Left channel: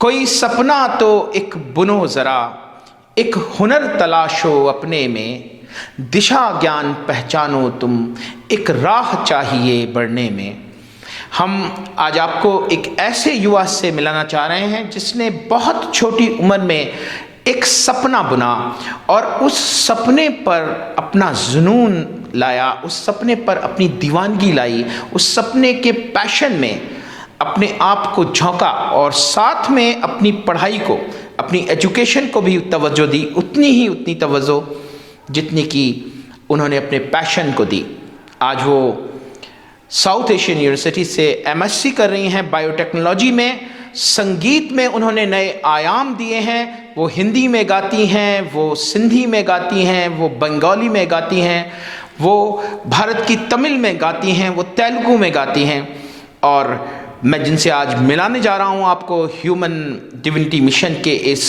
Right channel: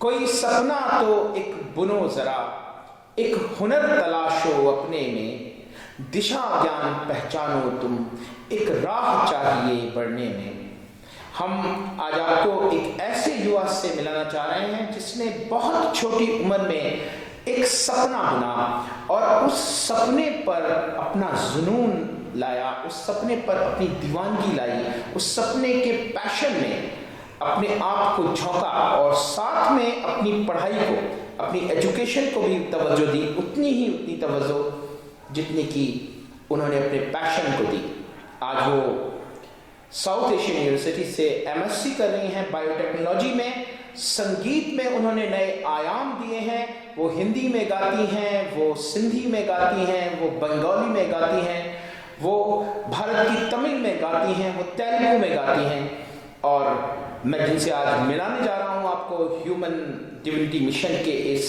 कोई सपना तो एक बुनो जरा, एक हुनर तलाशो अपने में, दिशा ज्ञान पहचानो तुम, एक राह चाहिए बढ़ने में। हम आज आपको एक ऐसे युवा से मिलाना चाह रहे हैं जिसने बहुत छोटी उम्र में एक सपना बुना और उस सपने पर अपना जुनून लाया, उस सपने पर अपनी दीवानगी लाई, उस सपने के पैशन में अपने आप को झोंका और साथ में अपनी पढ़ाई को, अपनी एजुकेशन को भी तवज्जो दी, उतनी तवज्जो जितनी कि उन्होंने अपने पैशन को दी। आज वो साउथ एशियन यूनिवर्सिटी से एमएससी कर रही हैं बायोटेक्नोलॉजी में। संगीत में उन्होंने नए आयाम दिए हैं। वो हिंदी में गाती हैं, वो सिंधी में गाती हैं, वो बंगाली में गाती हैं, वो भारत की तमिल में गाती हैं, वो तेलुगु में गाती हैं। और मैं जिनसे आज मिलाने जा रहा हूँ आपको ह्यूमन डिविनिटी मिशन के इस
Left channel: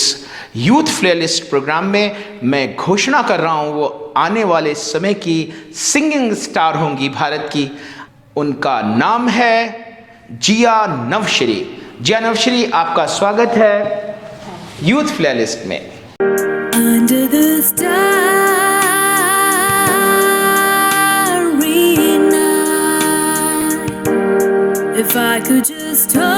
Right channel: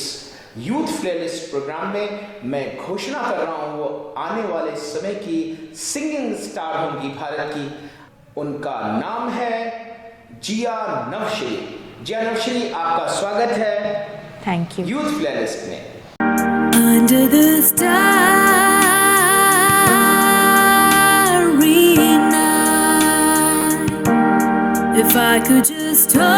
यूथ प्लेलिस्ट प्रोग्राम में, मैं घोषणा कर रहा हूँ वो आने वाले समय की सिंगिंग स्टार होंगी भारत की। उनका नाम है जिया नवश्री। जिया नवश्री, आपका स्वागत है थैंक यू यूथ प्लेलिस्ट में। Under the starry night, if I could just hold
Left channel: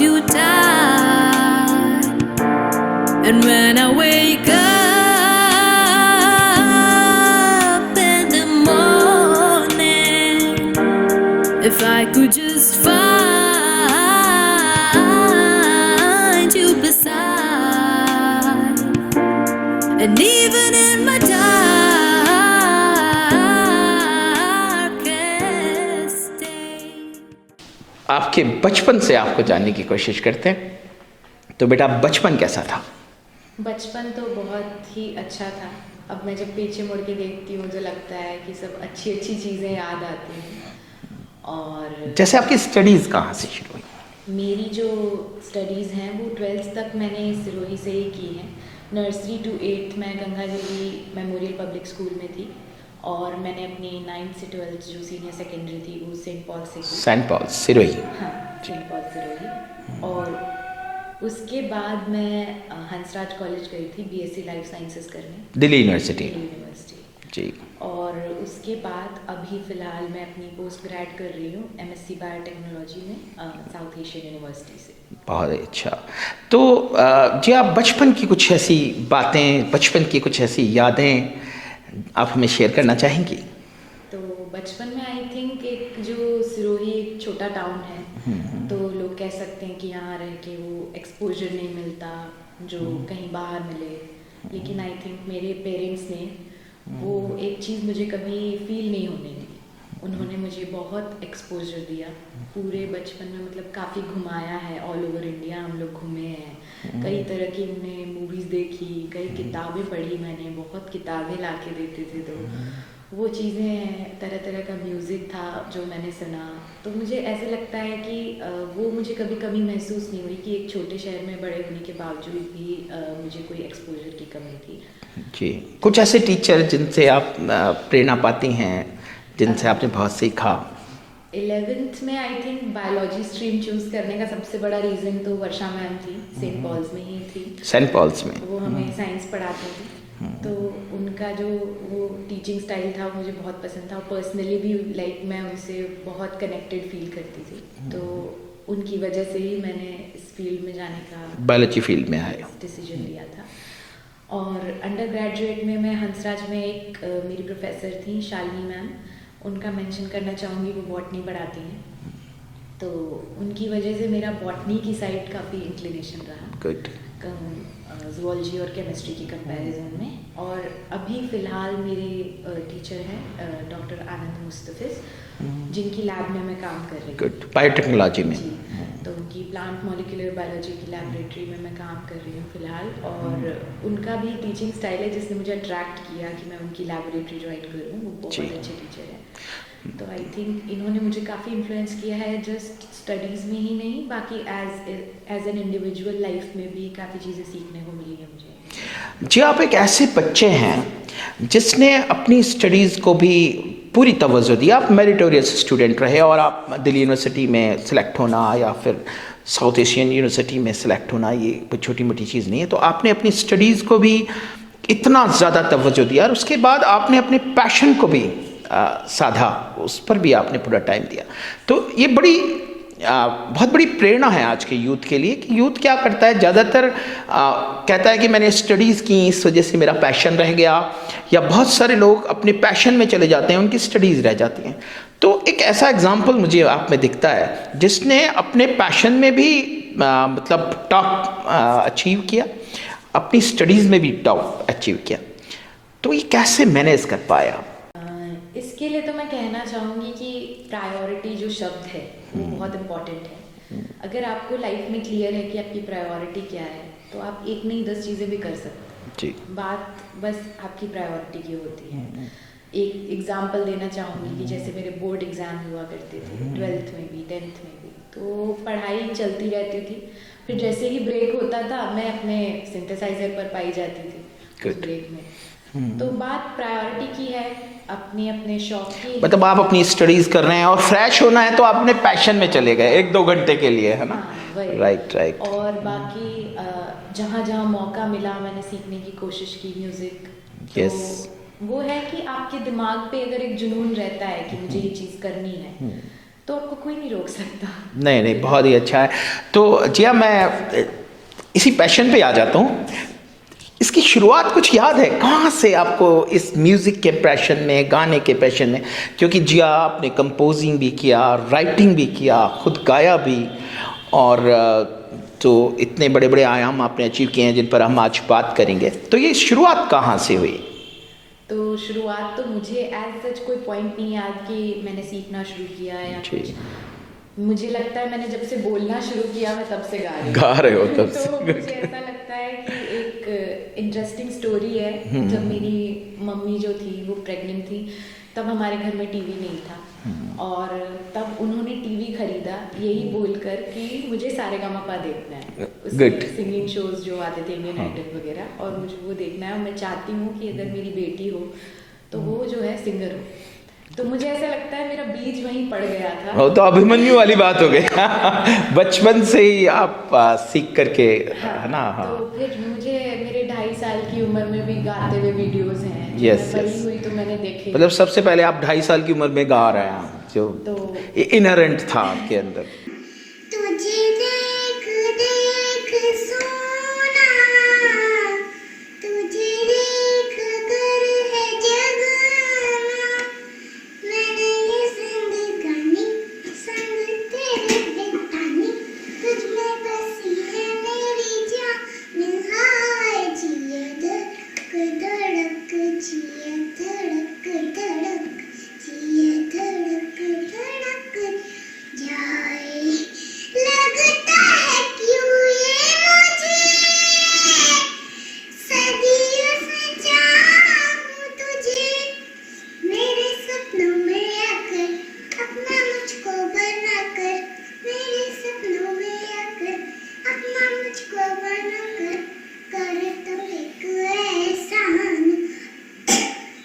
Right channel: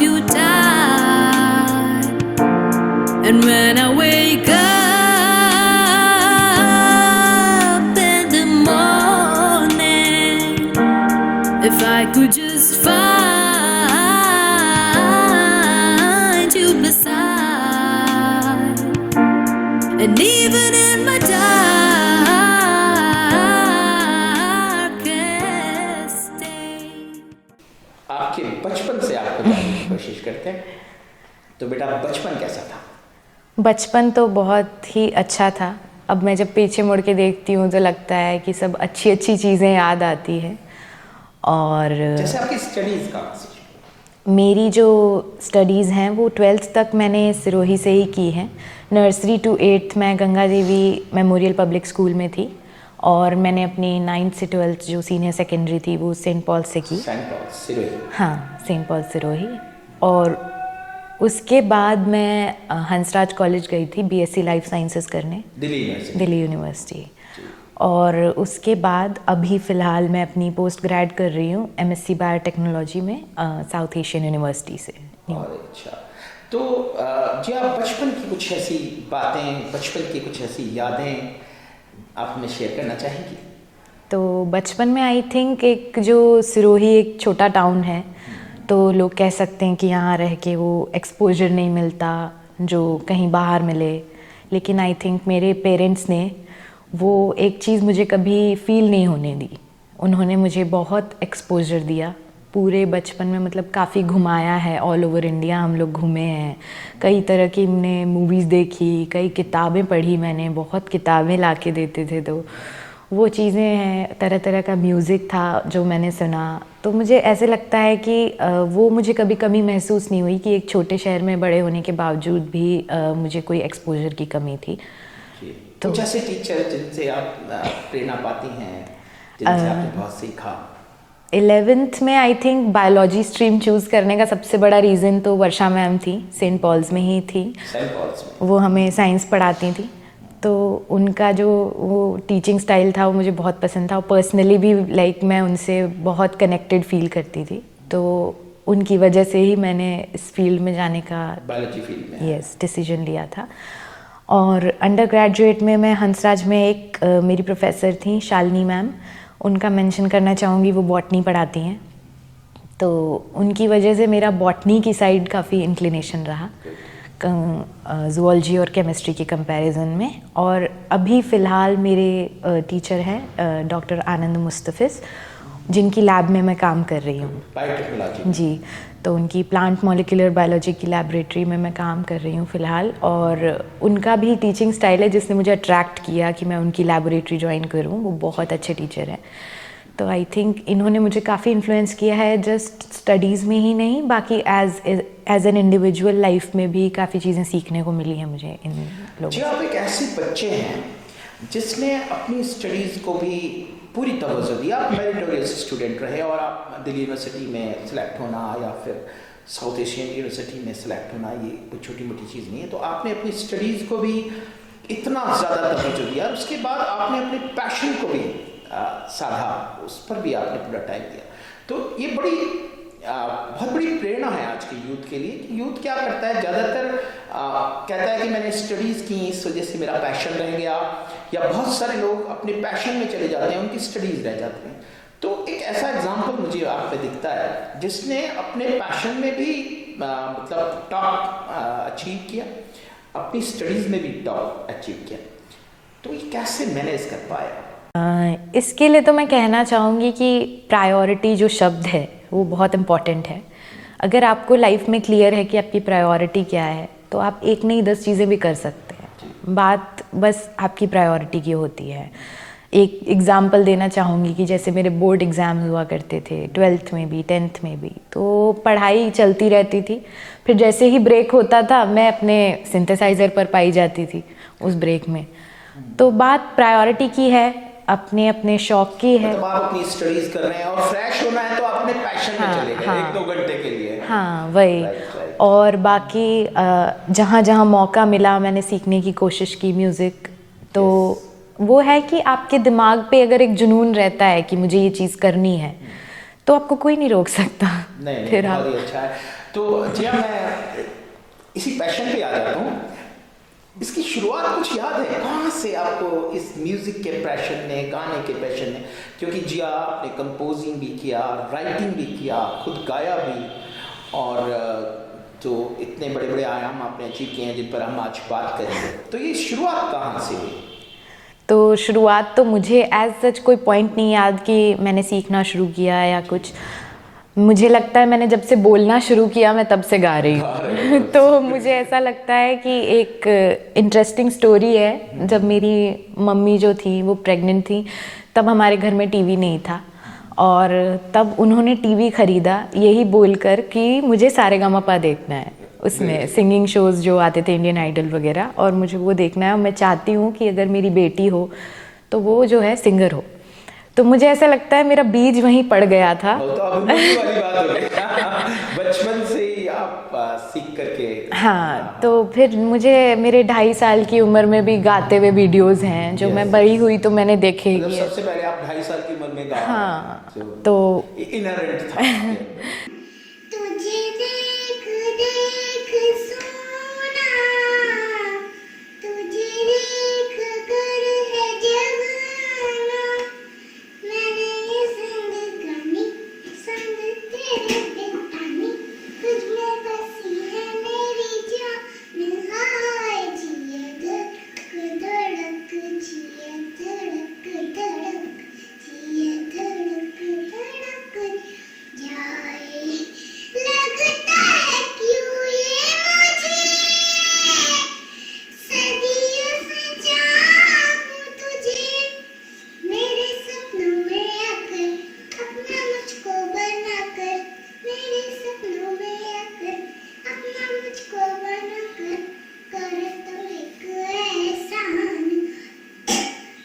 you tight, and when I wake up in the morning, if I could just find you beside, and even in my darkest day. आपके बचपन से आपको जानने की कोशिश करते हैं। तो बेटा, बचपन कैसा था? बचपन तो बहुत ही अच्छा था। अब मैं जब पीछे मुड़ के देखती हूँ तो लगता है कि सब अच्छी अच्छी चीज़ें याद आती हैं। और जैसे आपकी स्टडीज़ कहाँ से शुरू हुई? मेरी जो स्टडीज़ हैं वो 12th तक मैंने सिरोही से ही की हैं। नर्सरी टू 8th मैं Ganga Devi memorial public school में थी, और मैंने अपनी 9th से 12th जो सीनियर सेकेंडरी थी वो सेंट पॉल से की। Saint Paul Sirohi? हाँ, सेंट पॉल सिरोही। और उसके बाद मैं हंसराज कॉलेज गई थी बीएससी लाइफ साइंसेस करने, दिल्ली यूनिवर्सिटी जी। और उसके बाद अभी फ़िलहाल मैं अपनी पोस्ट ग्रेड कर रही हूँ एमएससी बायोटेक्नोलॉजी में साउथ एशियन यूनिवर्सिटी से। बहुत अच्छा। तो जी, आप बचपन की कुछ ऐसी बातें, बचपन की कुछ ऐसी यादें आप हमें शेयर करना चाहेंगी? तो बचपन में आई थिंक एक जो सिरोही एक छोटा टाउन है, तो लोग कह सकते हैं कि यहाँ रह के वो एक्सपोजर नहीं मिलता जो कहीं बाहर मिले। लेकिन आई थिंक मेरे पेरेंट्स ने वो एक चीज़ मुझे कभी फील नहीं होने दी। उन्होंने मुझे बहुत एक्सपोजर दिया पूरे बचपन में, मतलब काफ़ी घुमाया है। ऑल ओवर इंडिया हम लोग घूमे हैं, कई तरह की हमने मूवीज़ देखी, कई किताबें पढ़ी मैंने, बहुत किताबें ला के देते थे। तो वो चीज़ें हैं, तरह तरह का म्यूज़िक था जो मैंने सुना। तो मुझे ऐसे लगता है कि वो मुझे कभी कमी महसूस नहीं हुई कि एक छोटे शहर में बड़े होने के बावजूद भी मुझे कोई एक्सपोजर की कमी थी। जी। कुछ ऐसे टीचर जिनसे आप प्रेरणा पाती हैं, जिनसे आपने बहुत सीखा? 11th में I think biology stream choose करने का सबसे बड़ा रीज़न तो वर्षा मैम थी, सेंट पॉल्स में ही थी। सेंट पॉल्स में वो हमें साइंस पढ़ाती थी, तो उनका जो वो टीचिंग स्टाइल था वो मुझे बहुत पसंद था। और पर्सनली भी मैं उनसे बहुत कनेक्टेड फील करती थी। तो उनकी वजह से ही मैंने इस फील्ड में जाने का, बायोलॉजी फील्ड में डिसीजन लिया था। और अंडर ग्रेजुएट में मैं हंसराज में एक मेरी प्रोफेसर थी शालिनी मैम, उनका मेंशन करना चाहूँगी। वो बॉटनी पढ़ाती हैं, तो उनकी वजह से मेरा बॉटनी की साइड काफ़ी इंक्लिनेशन रहा ज़ूलॉजी और केमिस्ट्री के कंपैरिजन में। और अभी फ़िलहाल मेरे टीचर हैं डॉक्टर आनंद मुस्तफ़िज़, जिनकी लैब में मैं काम कर रही हूँ बायोटेक्नोलॉजी में। जी। तो उनकी प्लांट मॉलिक्यूलर बायोलॉजी की लैबोरेटरी में मैं काम कर रही हूँ फ़िलहाल। और उनका भी टीचिंग स्टाइल है जिसने मुझे अट्रैक्ट किया कि मैं उनकी लैबोरेटरी ज्वाइन करूँ। वो बहुत अच्छे टीचर हैं। तो आई थिंक इन्होंने मुझे काफ़ी इन्फ्लुएंस किया है, जस्ट स्टडीज़ में ही नहीं, बाकी एज एन इंडिविजुअल लाइफ में भी काफ़ी चीज़ें सीखने को मिली हैं मुझे इन। जी, आप एक ऐसे बच्चे हैं जिसने अपनी स्टडीज़ को भी पूरी तवज्जो दी, आप मेरिटोरियस स्टूडेंट रहे और आप दिल्ली यूनिवर्सिटी में सिलेक्ट होना या फिर साउथ एशियन यूनिवर्सिटी में सिलेक्ट होना ये कोई छोटी मोटी चीज़ नहीं है। तो आपने अपनी स्टडीज़ को भी इतना ज़्यादा तवज्जो दिया और उसके बाद आपने अपने पैशन को भी साधा, उस पर भी आपने पूरा टाइम दिया। तो ये बड़ी बहुत बड़ी प्रेरणा है आज के यूथ के लिए कि यूथ क्या करता है, ज़्यादातर कहता है कि मैंने स्टडीज़ की इस वजह से मेरा पैशन रह गया, या बहुत सारे लोग अपने पैशन में चले जाते हैं, उनकी स्टडीज़ रह जाती हैं। तो एक ऐसा एग्जाम्पल मुझे आप में दिखता है जिसने अपने पैशन में भी मतलब टॉप अचीव किया, अपनी स्टडीज़ में भी टॉप अचीव किया। तो ये कैसे मैनेज कर पाया? इसके लिए तो मैं कहना चाहूँगी कि प्रायोरिटी जो शब्द है वो बहुत इम्पॉर्टेंट है। अगर आपको लाइफ में क्लियर है कि आपकी प्रायोरिटी क्या है तो आप एक नहीं 10 चीज़ें भी कर सकते हैं जी। बात बस आपकी प्रायोरिटी की होती है। एक एग्जांपल देना चाहूँगी कि जैसे मेरे बोर्ड एग्ज़ाम हुआ करते थे 12th में भी 10th में भी, तो पढ़ाई चलती रहती थी, फिर जैसे ही ब्रेक होता था मैं अपने सिंथेसाइज़र पर पाई जाती थी उस ब्रेक में। तो बात प्रायोरिटी की है, अपने अपने शौक की है। मतलब आप अपनी स्टडीज कर रहे हैं और फ्रेश होना है तो आप अपने पैशन में चले गए 1-2 घंटे के लिए, है ना? हाँ वही। राइट। और बाकी जहाँ जहाँ मौका मिला मैंने सीखने की कोशिश की म्यूज़िक। तो वो है कि आपके दिमाग पे अगर एक जुनून रहता है कि मुझे ये चीज़ करनी है तो आपको कोई नहीं रोक सकता। नहीं, बहुत ही अच्छा है। तो जिया, मैं इसी पैशन पे आ जाता हूँ। इसकी शुरुआत कुछ याद है, कहाँ से आपको इस म्यूज़िक के पैशन में, गाने के पैशन में? क्योंकि जिया आपने कंपोजिंग भी किया, राइटिंग भी किया, खुद गाया भी, और तो इतने बड़े बड़े आयाम आपने अचीव किए हैं जिन पर हम आज बात करेंगे। तो ये शुरुआत कहाँ से हुई? तो शुरुआत तो मुझे एज सच कोई पॉइंट नहीं याद कि मैंने सीखना शुरू किया या कुछ। मुझे लगता है मैंने जब से बोलना शुरू किया मैं तब से गा रही हूँ। तो मुझे ऐसा लगता है कि एक इंटरेस्टिंग स्टोरी है। जब मेरी मम्मी जो थी वो प्रेग्नेंट थी तब हमारे घर में टीवी नहीं था, और तब उन्होंने टीवी खरीदा यही बोलकर कि मुझे सारेगामापा देखना है। उसमें सिंगिंग शोज जो आते थे इंडियन आइडल वगैरह, और मुझे वो देखना है और मैं चाहती हूँ कि अगर मेरी बेटी हो तो वो जो है सिंगर हो। तो मुझे ऐसा लगता है मेरा बीज वहीं पड़ गया था। तो अभिमन्यु वाली बात हो गई। बचपन से ही आप सीख करके। हाँ, तो फिर मुझे मेरे 2.5 साल की उम्र में भी गाते हुए वीडियोस हैं जो मैं बड़ी हुई तो मैंने देखे। मतलब सबसे पहले आप 2.5 साल की उम्र में गा रहे हैं, जो तो इनहेरेंट था आपके अंदर। तुझे देख देख सोना, तुझे देख कर है जगाना, मैंने ये जिंदगानी संग तेरे बितानी, तुझ में बसी है मेरी जान, हाय जिया धड़क धड़क, जिया धड़क धड़क, जिया धड़क धड़क जाए। लगता है क्यों ये मुझे सदियों से चाहूं तुझे, मेरे सपनों में आकर अपना मुझको बनाकर, मेरे सपनों में आकर अपना मुझको बनाकर, कर तो एक एहसान,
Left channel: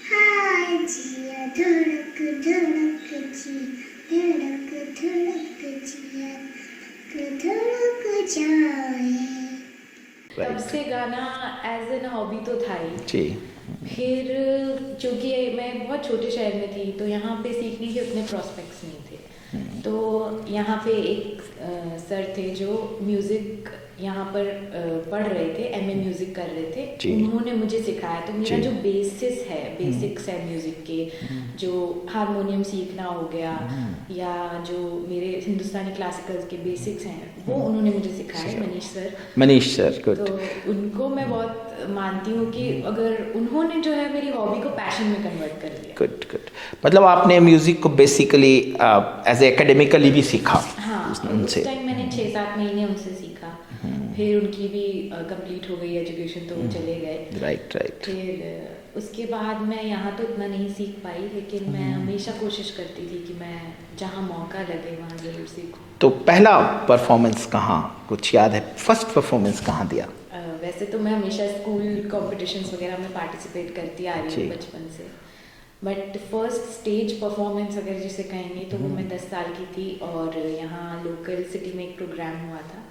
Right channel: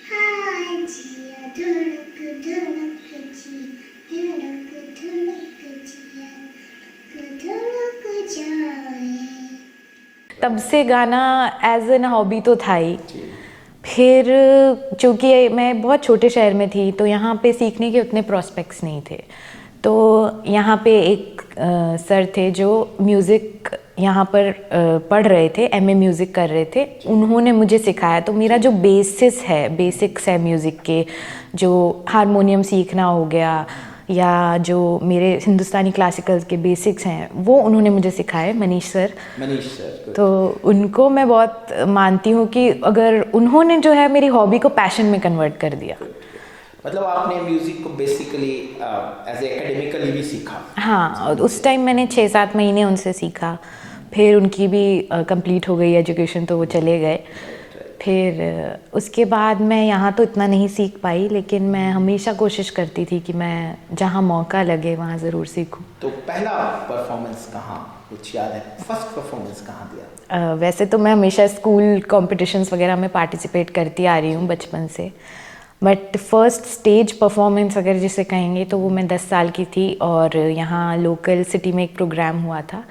हाय जिया धड़क धड़क, जिया धड़क धड़क, जिया धड़क जाए। तब से गाना एज एन हॉबी तो था ही। जी। फिर चूँकि मैं बहुत छोटे शहर में थी तो यहाँ पे सीखने के उतने प्रॉस्पेक्ट्स नहीं थे। तो यहाँ पे एक सर थे जो म्यूज़िक यहाँ पर पढ़ रहे थे, एमए म्यूज़िक कर रहे थे, उन्होंने मुझे सिखाया। तो मेरा जो बेसिक्स है म्यूज़िक के, जो हारमोनियम सीखना हो गया या जो मेरे हिंदुस्तानी क्लासिकल्स के बेसिक्स हैं वो उन्होंने मुझे सिखाए, मनीष सर। good. तो उनको मैं बहुत मानती हूँ कि अगर उन्होंने जो है मेरी हॉबी को पैशन में कन्वर्ट कर दिया। गुड। मतलब आपने म्यूजिक को बेसिकली एज एकेडमिकली भी सीखा? हाँ, उस टाइम मैंने 6-7 महीने उनसे सीखा। फिर उनकी भी कंप्लीट हो गई एजुकेशन तो वो चले गए। राइट। फिर उसके बाद मैं यहाँ तो इतना नहीं सीख पाई, लेकिन मैं हमेशा कोशिश करती थी कि मैं जहाँ मौका लगे वहाँ ज़रूर सीखूँ। तो पहला परफॉर्मेंस कहाँ, कुछ याद है? फर्स्ट परफॉर्मेंस कहाँ दिया? वैसे तो मैं हमेशा स्कूल कॉम्पिटिशन्स वगैरह में पार्टिसिपेट करती आ रही हूँ बचपन से। बट फर्स्ट स्टेज परफॉर्मेंस अगर जिसे कहेंगे तो वो मैं 10 साल की थी, और यहाँ लोकल सिटी में एक प्रोग्राम हुआ था,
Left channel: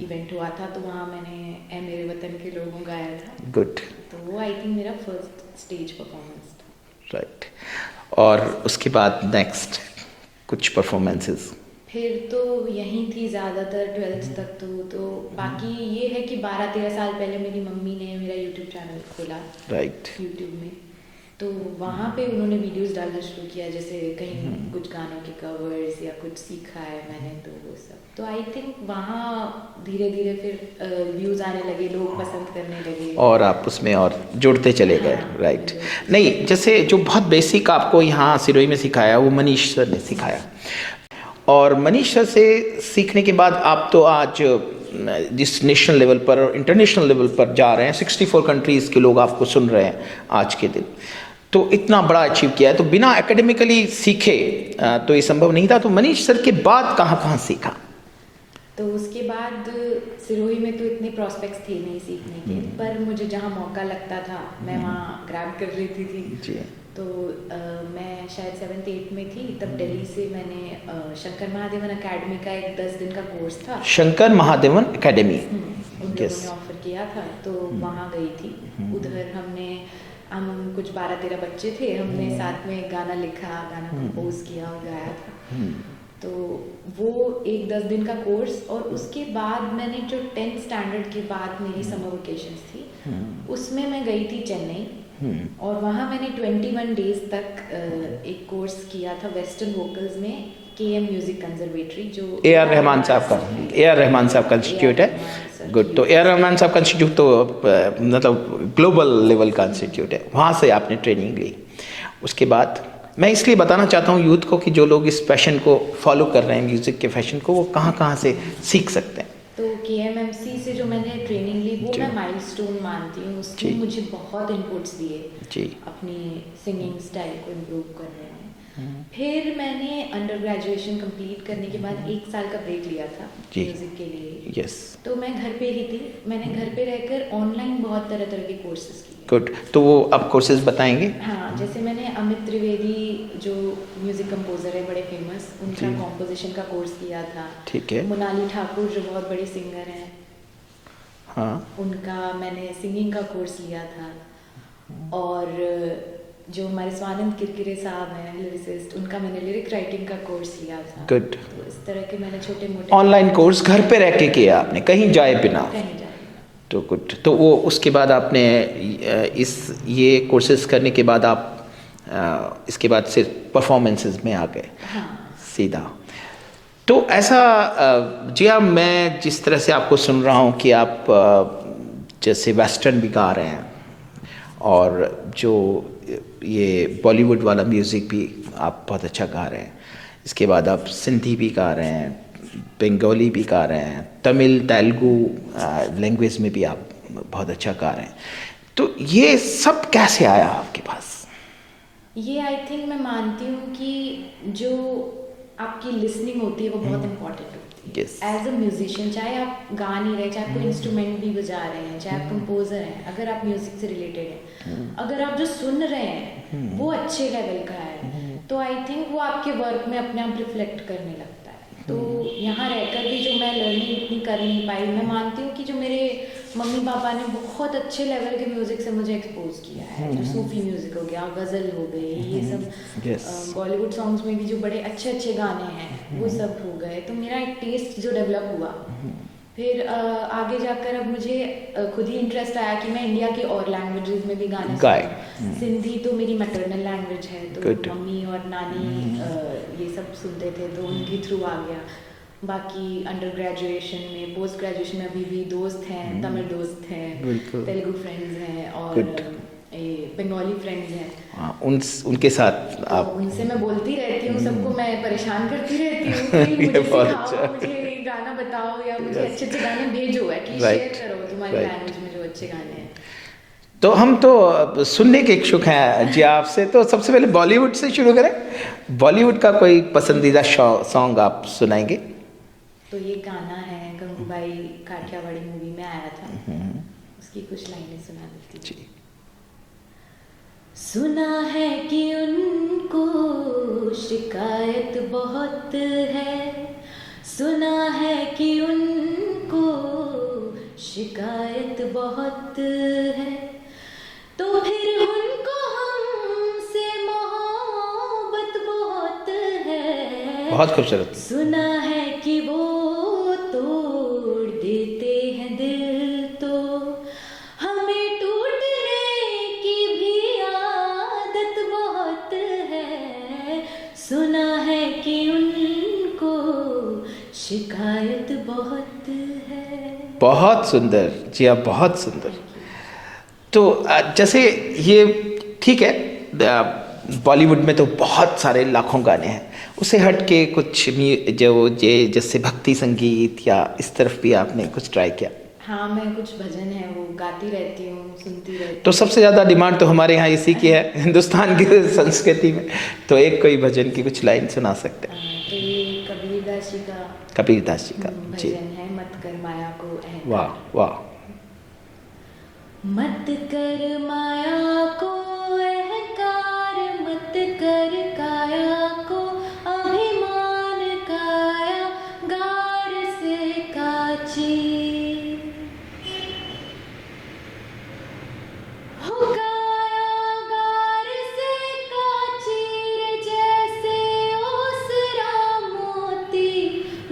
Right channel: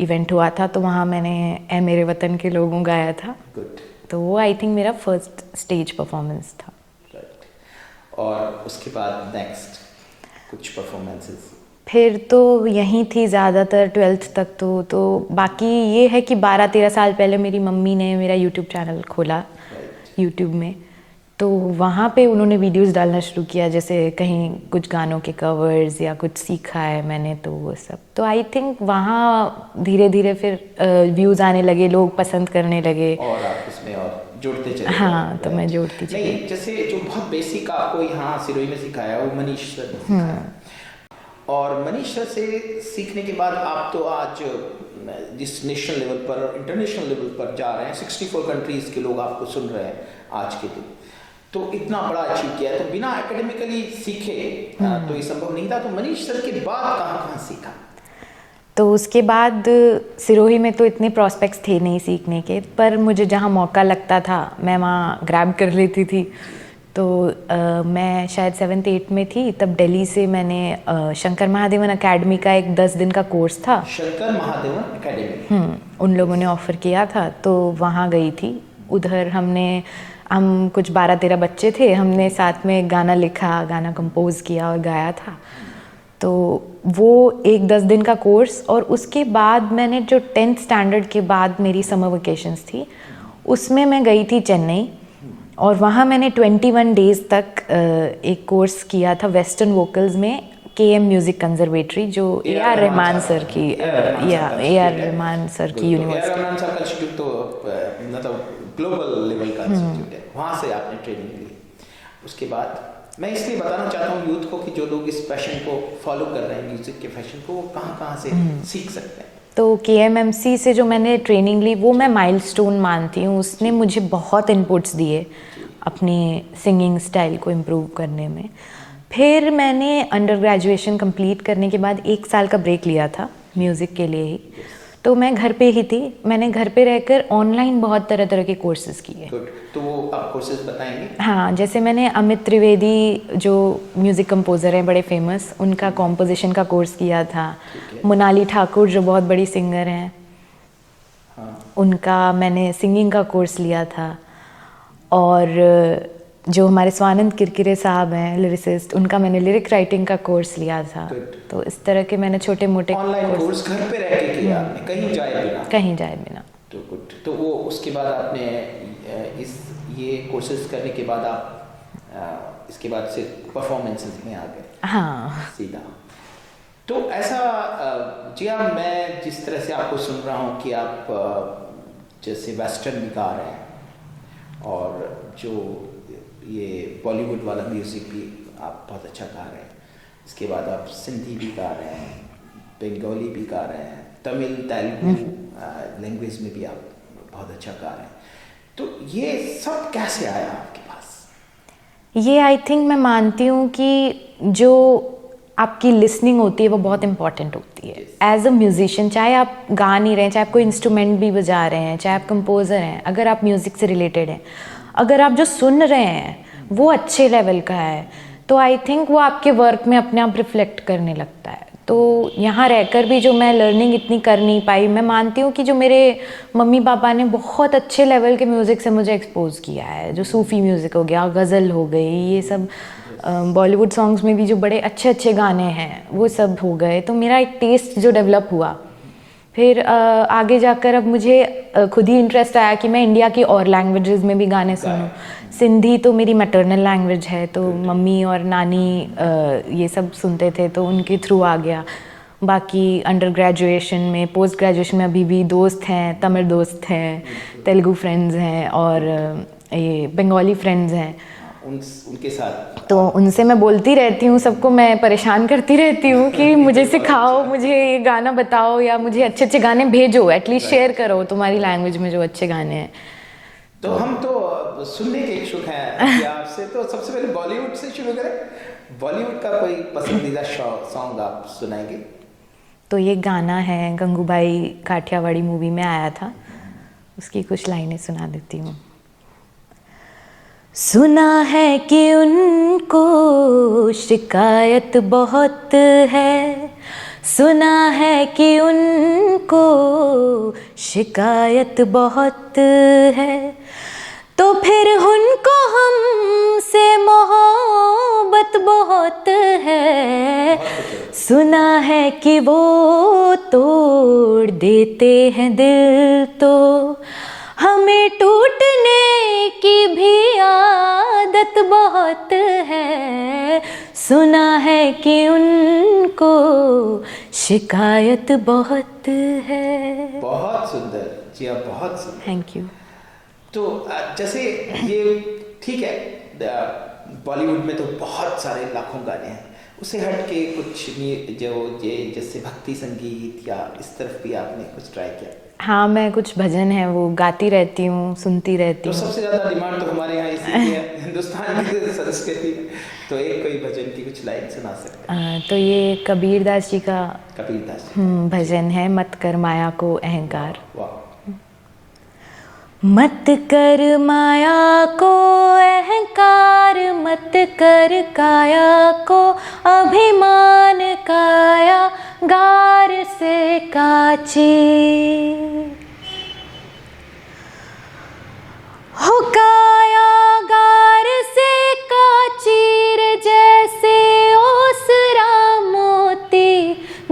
इवेंट हुआ था, तो वहाँ मैंने ए मेरे वतन के लोगों गाया था। गुड। तो वो आई थिंक मेरा फर्स्ट स्टेज परफॉर्मेंस था। राइट। और उसके बाद नेक्स्ट कुछ परफॉर्मेंसेस? फिर तो यहीं थी ज़्यादातर 12th तक। तो बाकी ये है कि 12-13 साल पहले मेरी मम्मी ने मेरा यूट्यूब चैनल खोला। राइट। यूट्यूब में तो वहाँ पे उन्होंने वीडियोस डालना शुरू किया, जैसे कहीं कुछ गानों के कवर्स या कुछ सीखा है मैंने, तो वो सब। तो आई थिंक वहाँ धीरे धीरे फिर व्यूज़ आने लगे, लोग पसंद करने लगे, और आप उसमें और जुड़ते चले गए। हाँ, तो मैं जोड़ती चली। नहीं, जैसे जो बहुत बेसिक आपको यहाँ सिरोही में सिखाया वो मनीष सर ने सिखाया, और मनीष सर से सीखने के बाद आप तो आज जिस नेशनल लेवल पर और इंटरनेशनल लेवल पर जा रहे हैं, 64 कंट्रीज़ के लोग आपको सुन रहे हैं आज के दिन, तो इतना बड़ा अचीव किया है, तो बिना एकेडमिकली सीखे तो ये संभव नहीं था। तो मनीष सर के बाद कहाँ सीखा? तो उसके बाद सिरोही में तो इतने प्रॉस्पेक्ट्स थे नहीं सीखने के, पर मुझे जहाँ मौका लगता था मैं वहाँ ग्रैब कर लेती थी। तो मैं शायद 7th-8th में थी तब दिल्ली से मैंने शंकर महादेवन एकेडमी का एक 10 दिन का कोर्स था। शंकर महादेवन एकेडमी उन लोगों ने ऑफर किया था, तो वहाँ गई थी। उधर हम कुछ 12-13 बच्चे थे, हमने साथ में गाना लिखा, गाना कंपोज किया और गाया था। तो वो एक 10 दिन का कोर्स, और उसके बाद मैंने जो 10th स्टैंडर्ड के बाद मेरी समर वेकेशंस थी उसमें मैं गई थी चेन्नई, और वहाँ मैंने 21 डेज तक एक कोर्स किया था वेस्टर्न वोकल्स में, KM म्यूजिक कंजर्वेटरी, जो A.R. रहमान सर की, A.R. रहमान साहब का इंस्टीट्यूट है। गुड। तो A.R. रहमान साहब का इंस्टीट्यूट तो मतलब ग्लोबल लेवल का इंस्टीट्यूट है, वहाँ से आपने ट्रेनिंग ली। उसके बाद मैं इसलिए बताना चाहता हूँ यूथ को कि जो लोग इस पैशन को फॉलो कर रहे हैं, म्यूजिक के फैशन को, वो कहाँ से सीख सकते हैं। तो KMMC से जो मैंने ट्रेनिंग ली वो मैं माइलस्टोन मानती हूँ। उसने मुझे बहुत इनपुट्स दिए अपनी सिंगिंग स्टाइल को इम्प्रूव करने में। फिर मैंने अंडर ग्रेजुएशन कंप्लीट करने के बाद 1 साल का ब्रेक लिया था म्यूज़िक के लिए ही। तो मैं घर पे ही थी, मैंने घर पे रहकर ऑनलाइन बहुत तरह तरह के कोर्सेज किए। गुड। तो वो आप कोर्सेज बताएंगे? हाँ, जैसे मैंने अमित त्रिवेदी जो म्यूज़िक कंपोज़र हैं बड़े फेमस, उनका कॉम्पोजिशन का कोर्स किया था। ठीक है। मोनाली ठाकुर जो बहुत बड़ी सिंगर हैं, हाँ, उनका मैंने सिंगिंग का कोर्स लिया था। और जो हमारे स्वानंद किरकिरे साहब हैं लिरिसिस्ट, उनका मैंने लिरिक राइटिंग का कोर्स लिया था। गुड। तो इस तरह के मैंने छोटे मोटे ऑनलाइन कोर्स घर पे रह के किया आपने, कहीं जाए बिना? कहीं जाए बिना। तो गुड। तो वो उसके बाद आपने ये कोर्सेज करने के बाद आप इसके बाद सिर्फ परफॉर्मेंसेस में आ गए? हाँ, सीधा। तो ऐसा जिया, मैं जिस तरह से आपको सुन रहा हूँ कि आप जैसे वेस्टर्न भी गा रहे हैं, और जो ये बॉलीवुड वाला म्यूज़िक भी आप बहुत अच्छा गा रहे हैं, इसके बाद आप सिंधी भी गा रहे हैं, बंगाली भी गा रहे हैं, तमिल तेलुगु लैंग्वेज में भी आप बहुत अच्छा गा रहे हैं। तो ये सब कैसे आया आपके पास? ये आई थिंक मैं मानती हूँ कि जो आपकी लिसनिंग होती है वो बहुत इंपॉर्टेंट होती है एज अ म्यूजिशियन। चाहे आप गा नहीं रहे हैं, चाहे आप कोई इंस्ट्रूमेंट भी बजा रहे हैं, चाहे आप कंपोजर हैं, अगर आप म्यूजिक से रिलेटेड हैं, अगर आप जो सुन रहे हैं वो अच्छे लेवल का है, तो आई थिंक वो आपके वर्क में अपने आप रिफ्लेक्ट करने लगता है। तो यहाँ रहकर भी जो मैं लर्निंग इतनी कर नहीं पाई, मैं मानती हूँ कि जो मेरे मम्मी पापा ने बहुत अच्छे लेवल के म्यूज़िक से मुझे एक्सपोज किया है, जो सूफ़ी म्यूज़िक हो गया, गज़ल हो गई, ये सब बॉलीवुड सॉन्ग्स में भी जो बड़े अच्छे अच्छे गाने हैं वो सब हो गए। तो मेरा एक टेस्ट जो डेवलप हुआ, फिर आगे जाकर अब मुझे खुद ही इंटरेस्ट आया कि मैं इंडिया की और लैंग्वेजेस में भी गाने सुनूं। सिंधी तो मेरी मैटरनल लैंग्वेज है, तो मम्मी और नानी ये सब सुनते थे, तो उनके थ्रू आ गया। बाकी अंडर ग्रेजुएशन में, पोस्ट ग्रेजुएशन में अभी भी दोस्त हैं, तमिल दोस्त हैं, तेलुगु फ्रेंड्स हैं, और ये बंगाली फ्रेंड्स हैं। उनके साथ तो उनसे मैं बोलती रहती हूँ, सबको मैं परेशान करती रहती हूँ कि मुझे सिखाओ, मुझे ये गाना बताओ, या मुझे अच्छे अच्छे गाने भेजो, एटलीस्ट शेयर करो तुम्हारी लैंग्वेज में जो अच्छे गाने हैं। तो हम तो सुनने के इच्छुक हैं जी आपसे। तो सबसे पहले बॉलीवुड से शुरू करें। बॉलीवुड का कोई पसंदीदा सॉन्ग आप सुनाएंगे? तो ये गाना है, गंगूबाई काठियावाड़ी मूवी में आया था, उसकी कुछ लाइनें सुना देती हूँ। सुना है कि उनको शिकायत बहुत है, सुना है कि उनको शिकायत बहुत है, तो फिर उनको हमसे मोहब्बत बहुत है। बहुत खूबसूरत। सुना है कि वो तोड़ देते हैं दिल, तो हमें टूटने की भी आदत बहुत है। सुना है कि उनको शिकायत बहुत है। बहुत सुंदर जी, आप बहुत सुंदर। Thank you. तो जैसे ये ठीक है, बॉलीवुड में तो बहुत सारे लाखों गाने हैं, उसे हट के कुछ जो जैसे भक्ति संगीत या इस तरफ भी आपने कुछ ट्राई किया? हाँ, मैं कुछ भजन है वो गाती रहती हूँ, सुनती रहती तो हूँ। सबसे ज़्यादा डिमांड तो हमारे यहाँ इसी की है हिंदुस्तान की संस्कृति में। तो एक कोई भजन की कुछ लाइन सुना सकते हैं? तो ये कबीरदास जी का कबीरदास जी का भजन है, मत कर माया को अहंकार। वाह वाह। मत कर माया को अहंकार, मत कर काया को अभिमान, काया गार से काची हो, काया गार से काचीर, जैसे ओसरा मोती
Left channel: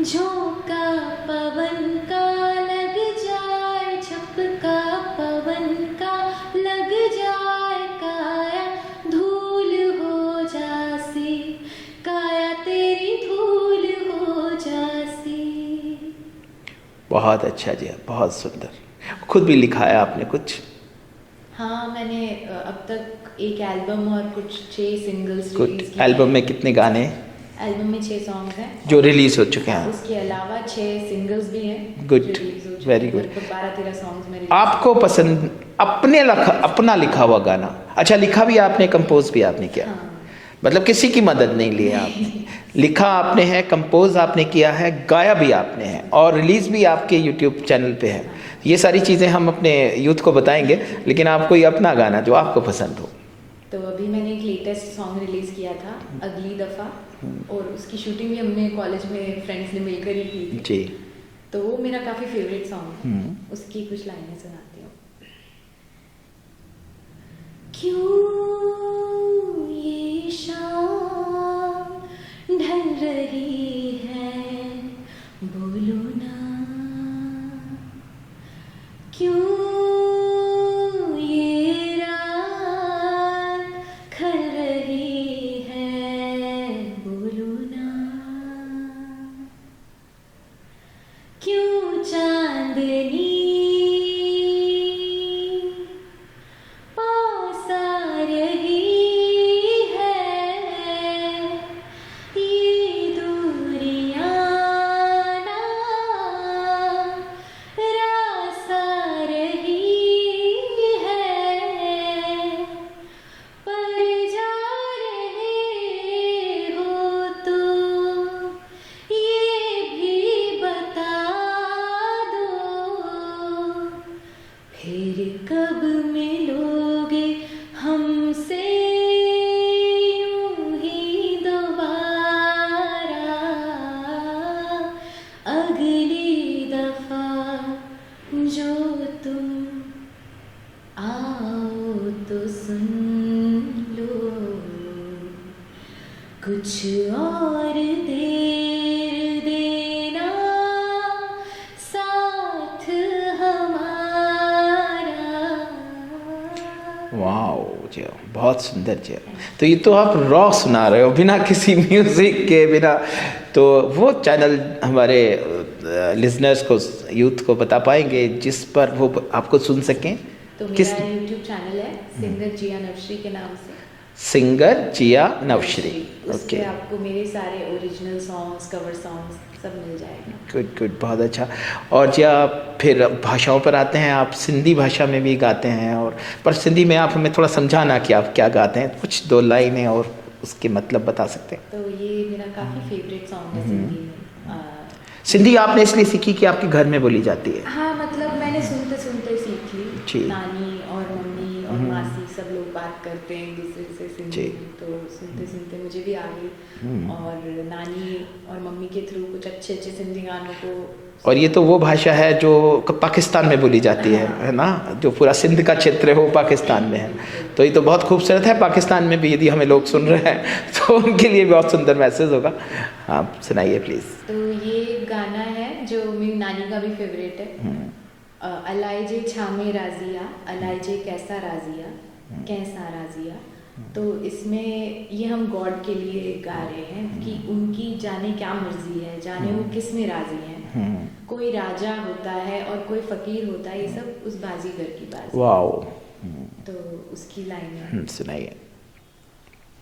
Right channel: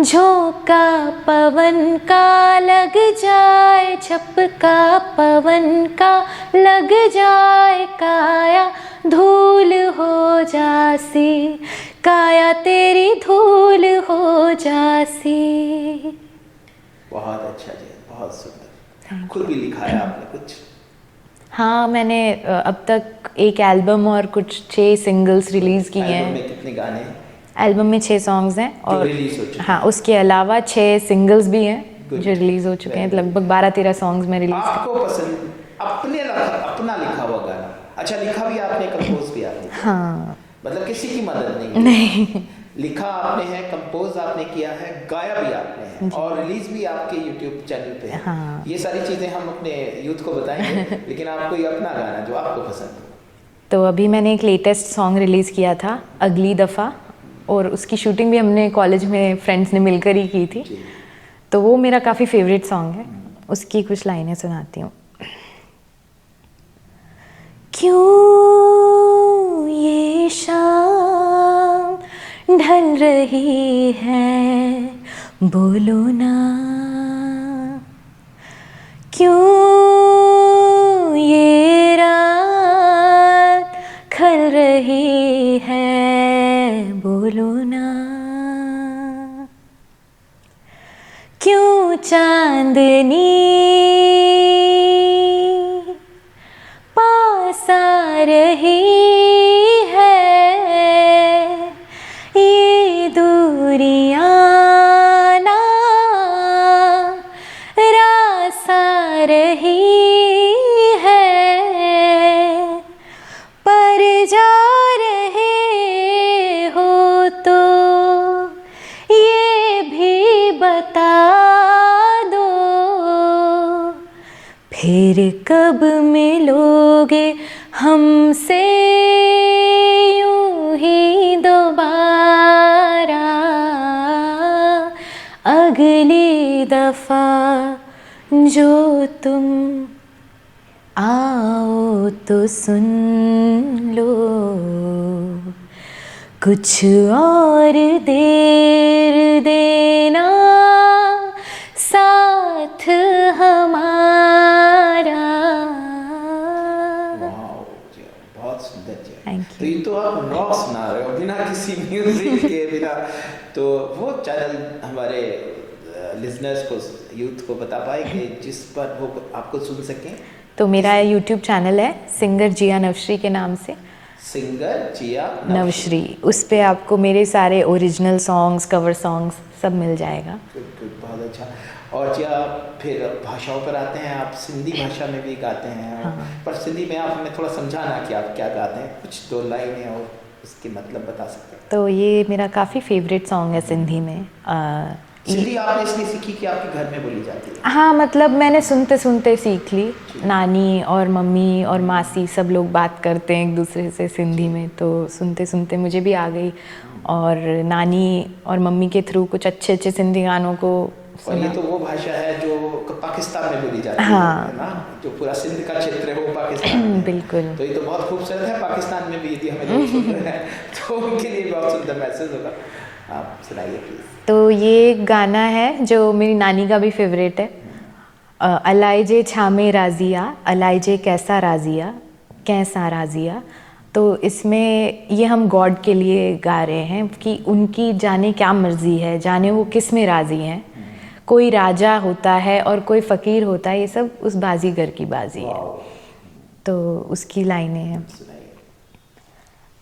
झोंका पवन का लग जाए, झपका पवन का लग जाए, काया धूल हो जासी, काया तेरी धूल हो जासी। बहुत अच्छा जी, बहुत सुंदर। खुद भी लिखा है आपने कुछ? हाँ, मैंने अब तक एक एल्बम और कुछ 6 सिंगल्स रिलीज किए हैं। एल्बम में कितने गाने हैं? एल्बम में 6 सॉन्ग्स हैं जो और रिलीज हो चुके हैं। हाँ, उसके अलावा 6 सिंगल्स भी हैं Good. जो रिलीज हो चुके Very हैं। good. लगभग 12-13 सॉन्ग्स में रिलीज। आपको पसंद अपना लिखा हुआ गाना? अच्छा, लिखा भी आपने, कंपोज भी आपने किया? हाँ। मतलब किसी की मदद नहीं ली आपने? लिखा आपने है, कंपोज आपने किया है, गाया भी आपने है, और रिलीज भी आपके यूट्यूब चैनल पे है। हाँ। ये सारी चीजें हम अपने यूथ को बताएंगे लेकिन आप कोई अपना गाना जो आपको पसंद हो। तो अभी मैंने एक लेटेस्ट सॉन्ग रिलीज किया था, अगली दफ़ा, और उसकी शूटिंग भी हमने कॉलेज में फ्रेंड्स ने मिलकर ही की थी। जी। तो वो मेरा काफ़ी फेवरेट सॉन्ग है। उसकी कुछ लाइनें सुनाती हूँ। क्यों ये शाम ढल रही है, बोलो ना, क्यों ये रात खल रही है, बोलो ना, क्यों चांदनी पास आ रही है, ये दूरियां ना रास आ रही है, पर जा रहे हो तो ये भी बता दो, फिर कब मिलोगे हमसे यूं ही दोबारा, अगली दफा जो तुम आओ तो सुन लो, कुछ और देर देना साथ हमारा। वाओ जी, बहुत सुंदर जी। Thank तो ये तो आप रॉ सुना रहे हो बिना किसी म्यूजिक के, बिना। तो वो चैनल हमारे लिसनर्स को, यूथ को बता पाएंगे जिस पर वो आपको सुन सकें? तो मेरा यूट्यूब चैनल है सिंगर जिया नवश्री के नाम से, सिंगर जिया नवश्री। उस पे आपको मेरे सारे ओरिजिनल सॉन्ग्स, कवर सॉन्ग्स सब मिल जाएगा। गुड गुड, बहुत अच्छा। और जिया, फिर भाषाओं पर आते हैं, आप सिंधी भाषा में भी गाते हैं, और पर सिंधी में आप हमें थोड़ा समझाना कि आप क्या गाते हैं, कुछ 2 लाइनें और उसके मतलब बता सकते हैं? तो ये मेरा काफ़ी फेवरेट सॉन्ग है सिंधी में। सिंधी आपने इसलिए सीखी कि आपके घर में बोली जाती है? हाँ, मतलब मैंने सुनते सुनते सीख जी। ली। नानी और मम्मी और मासी सब लोग बात करते हैं एक दूसरे से सिंधी में, तो सुनते सुनते मुझे भी आ गई। और नानी और मम्मी के थ्रू कुछ अच्छे अच्छे सिंधी गानों को। और ये तो वो भाषा है जो पाकिस्तान में बोली जाती है ना? जो पूरा सिंध का क्षेत्र है वो पाकिस्तान में है। बिल्कुल। तो ये तो बहुत खूबसूरत है। पाकिस्तान में भी यदि हमें लोग सुन रहे हैं तो उनके लिए बहुत सुंदर मैसेज होगा। आप सुनाइए प्लीज। तो ये गाना है जो मेरी नानी का भी फेवरेट है। अलाइजे छामे राजिया, अलाइजे कैसा राजिया, कैसा राजिया। तो इसमें ये हम गॉड के लिए गा रहे हैं कि उनकी जाने क्या मर्जी है, जाने वो किस में राजी हैं। कोई राजा होता है और कोई फकीर होता है, ये सब उस बाजीगर की बाजी है। तो उसकी लाइनें हैं। सुनाइए।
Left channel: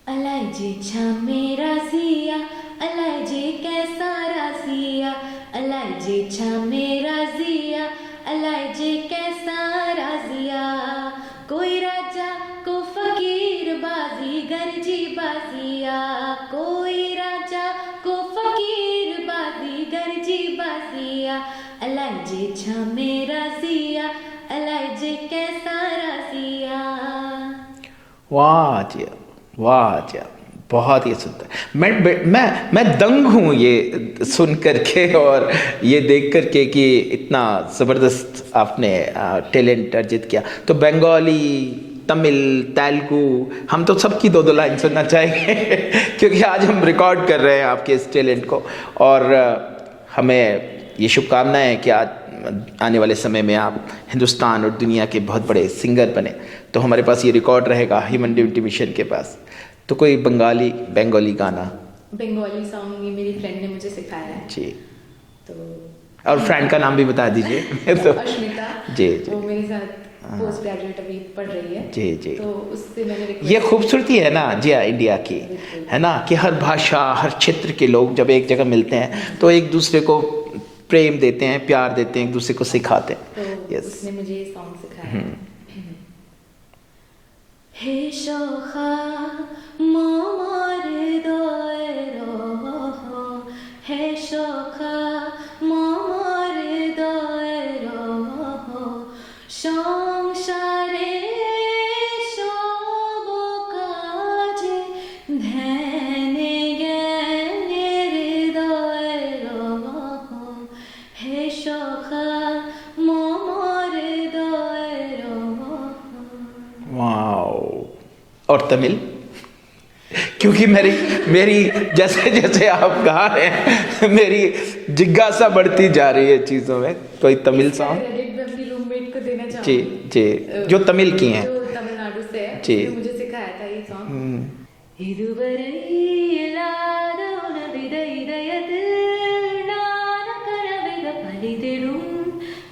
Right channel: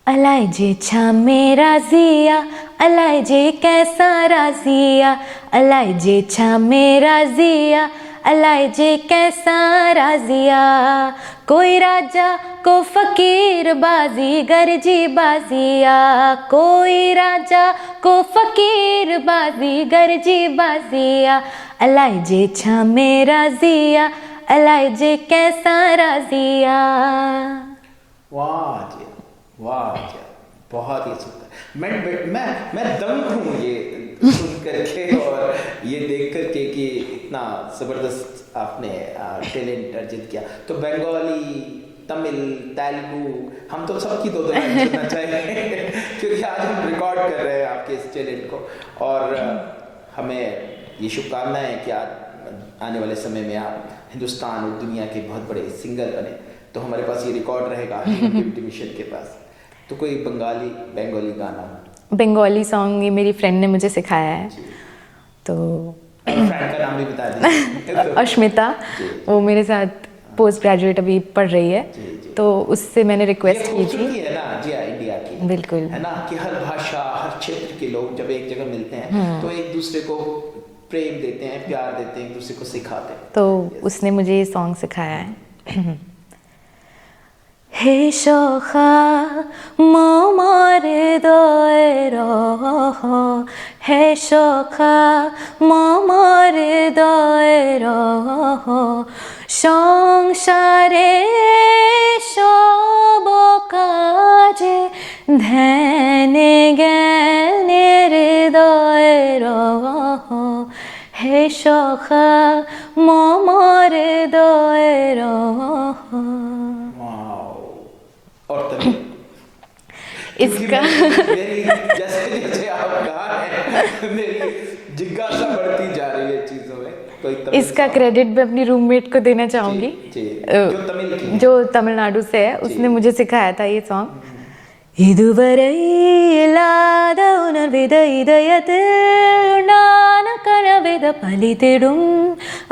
अलाइजे छामे राजिया, अलाइजे कैसा राजिया, अलाइजे छामे राजिया, अलाइजे कैसा राजिया। कोई राजा को फकीर बाजीगर जी बाजिया, कोई राजा को फकीर बाजीगर जी बाजिया। अलाइजे छामे राजिया, अलाइजे कैसा राजिया। वाह जी, वाह जी, बहुत ही सुंदर। मैं दंग हूँ ये सुन करके और ये देख करके कि इतना ज़बरदस्त आपने टैलेंट अर्जित किया। तो बंगाली, तमिल, तेलुगु, हम तो सबकी दो दो लाइन सुनना चाहेंगे क्योंकि आज हम रिकॉर्ड कर रहे हैं आपके इस टैलेंट को। और हमें ये शुभकामनाएं हैं कि आज आने वाले समय में आप हिंदुस्तान और दुनिया के बहुत बड़े सिंगर बने। तो हमारे पास ये रिकॉर्ड रहेगा ह्यूमन डिविटी मिशन के पास। तो कोई बंगाली गाना? बंगाली सॉन्ग ये मेरी फ्रेंड ने मुझे सिखाया है जी। तो और फ्रेंड का नाम भी बता दीजिए। तो अश्मिता जी। वो मेरे साथ पोस्ट ग्रेजुएट अभी पढ़ रही है। जी। तो उससे मैंने रिक्वेस्ट, ये खूबसूरती है ना जी इंडिया की, बिल्कुल है ना, कि हर भाषा, हर क्षेत्र के लोग जब एक जगह मिलते हैं तो एक दूसरे को प्रेम देते हैं, प्यार देते हैं, एक दूसरे को सिखाते हैं। तो उसने मुझे ये सॉन्ग सिखाया है। हे शोखा मोमारे दोएरो, हे शोखा मोमारे दोएरो, সংসারে সব কাজে ধ্যানে জ্ঞানের হৃদয়ের হে সখা মমর হৃদয়ের। और तमिल? क्योंकि मेरी जैसे जैसे आप गा रहे हैं मेरी जिज्ञासा बढ़ती जा रही है चीजों में। कोई तमिल इसका क्रेडिट मैं अपनी रूममेट को देना चाहूंगी जी, जो तमिल की हैं, जो तमिलनाडु से है। उसने मुझे सिखाया था ये सॉन्ग। இதுவரை இல்லாத உணர்வித இதயத்தில் நான் கனவித பலித்திடும்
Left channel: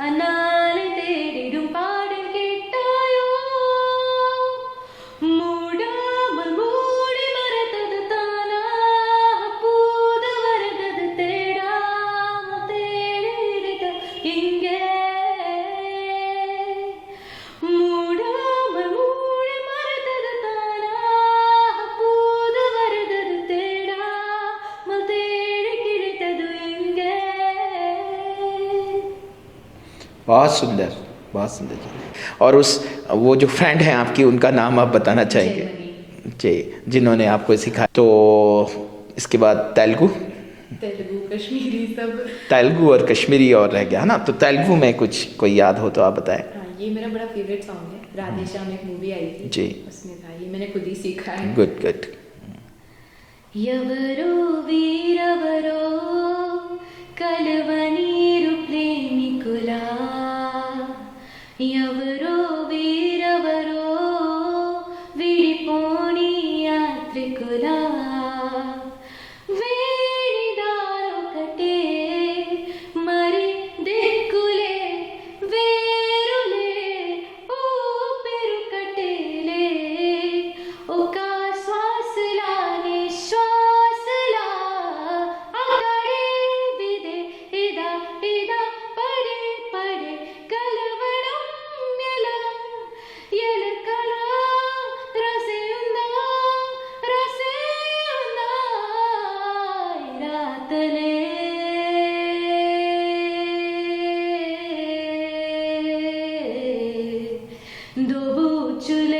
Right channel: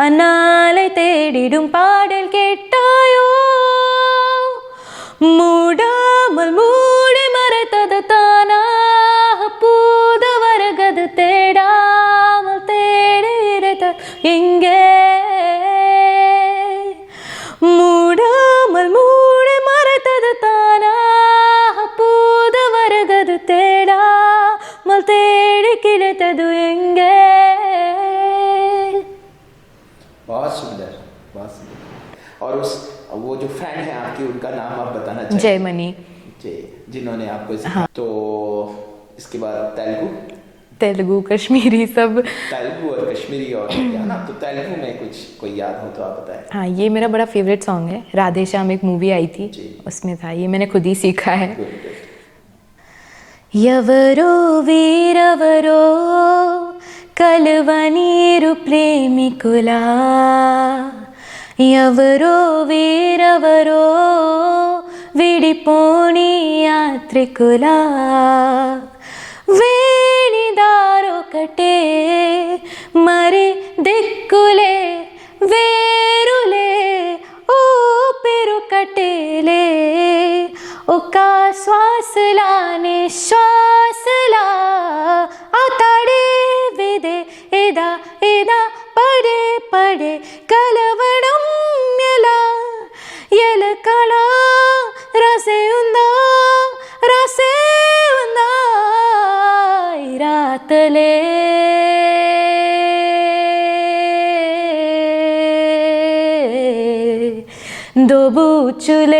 அந்நாளை தேடிடும் பாடல் கேட்டாயோ, மூடாமல் மூடி மறைத்தது தானாக பூத வருகது தேடாமல் தேடிறது எங்கே, மூடாமல் மூடி மறைத்தது தானாக பூத வருகது தேடாமல் தேடி கிடைத்தது எங்கே। बहुत सुंदर, बहुत सुंदर। और वो जो फ्रेंड है आपकी, उनका नाम आप बताना चाहेंगे? जयमनी जी, जिन्होंने आपको सिखाया। तो इसके बाद तेलुगु कश्मीरी सब। तेलुगु और कश्मीरी और रह गया है ना? तो तेलुगु में कुछ कोई याद हो तो आप बताएं। हाँ, ये मेरा बड़ा फेवरेट सॉन्ग है। राधे श्याम एक मूवी आई थी जी, उसमें था। ये मैंने खुद ही सीखा है। Good good. ఎవరో వీరెవరో కలువనీరు ప్రేమికులా, ఎవరో వీరెవరో విడిపోని యాత్రికులా, వేణిదారొకటే మరి దిక్కులే వేరులే ఊపిరొకటేలే, ఒక శ్వాసలానే శ్వాసలా అతడే విదే ఎదా ఎదా పడే పడే కలవడం ఎలా ఎలకలా రసే ఉందా రసే ఉందా ఈ రాతలే दो बूचले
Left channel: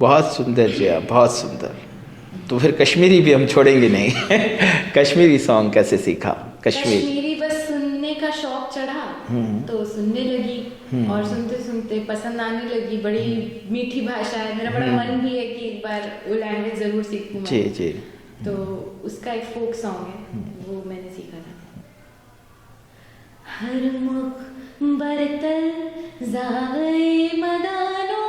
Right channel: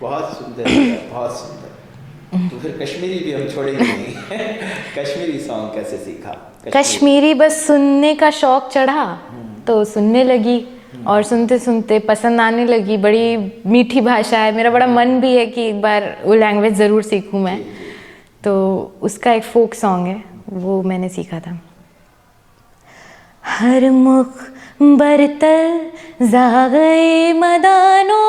बहुत सुंदर किया, बहुत सुंदर। तो फिर कश्मीरी भी हम छोड़ेंगे नहीं। कश्मीरी सॉन्ग कैसे सीखा? कश्मीरी बस सुनने का शौक चढ़ा तो सुनने लगी और सुनते सुनते पसंद आने लगी। बड़ी मीठी भाषा है, मेरा बड़ा मन भी है कि एक बार वो लैंग्वेज ज़रूर सीखूं मैं। जी जी। तो उसका एक फोक सॉन्ग है, वो मैंने सीखा था। हर मुख बरतर जागए मदानो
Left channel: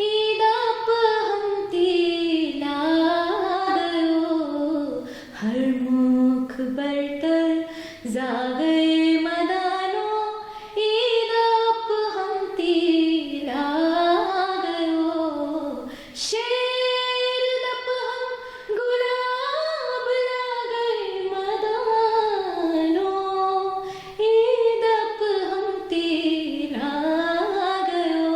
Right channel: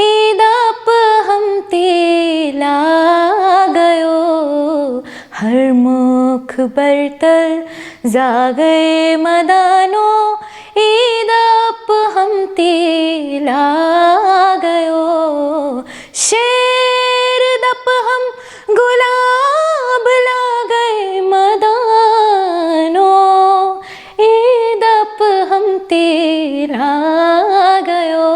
ईदाप हम तेला गयो। हर मुख बरतर जागए मदानो ईदाप हम तेला गयो। शेर दप हम गुलाब ला गए मदानो ईदप हम तेला गयो।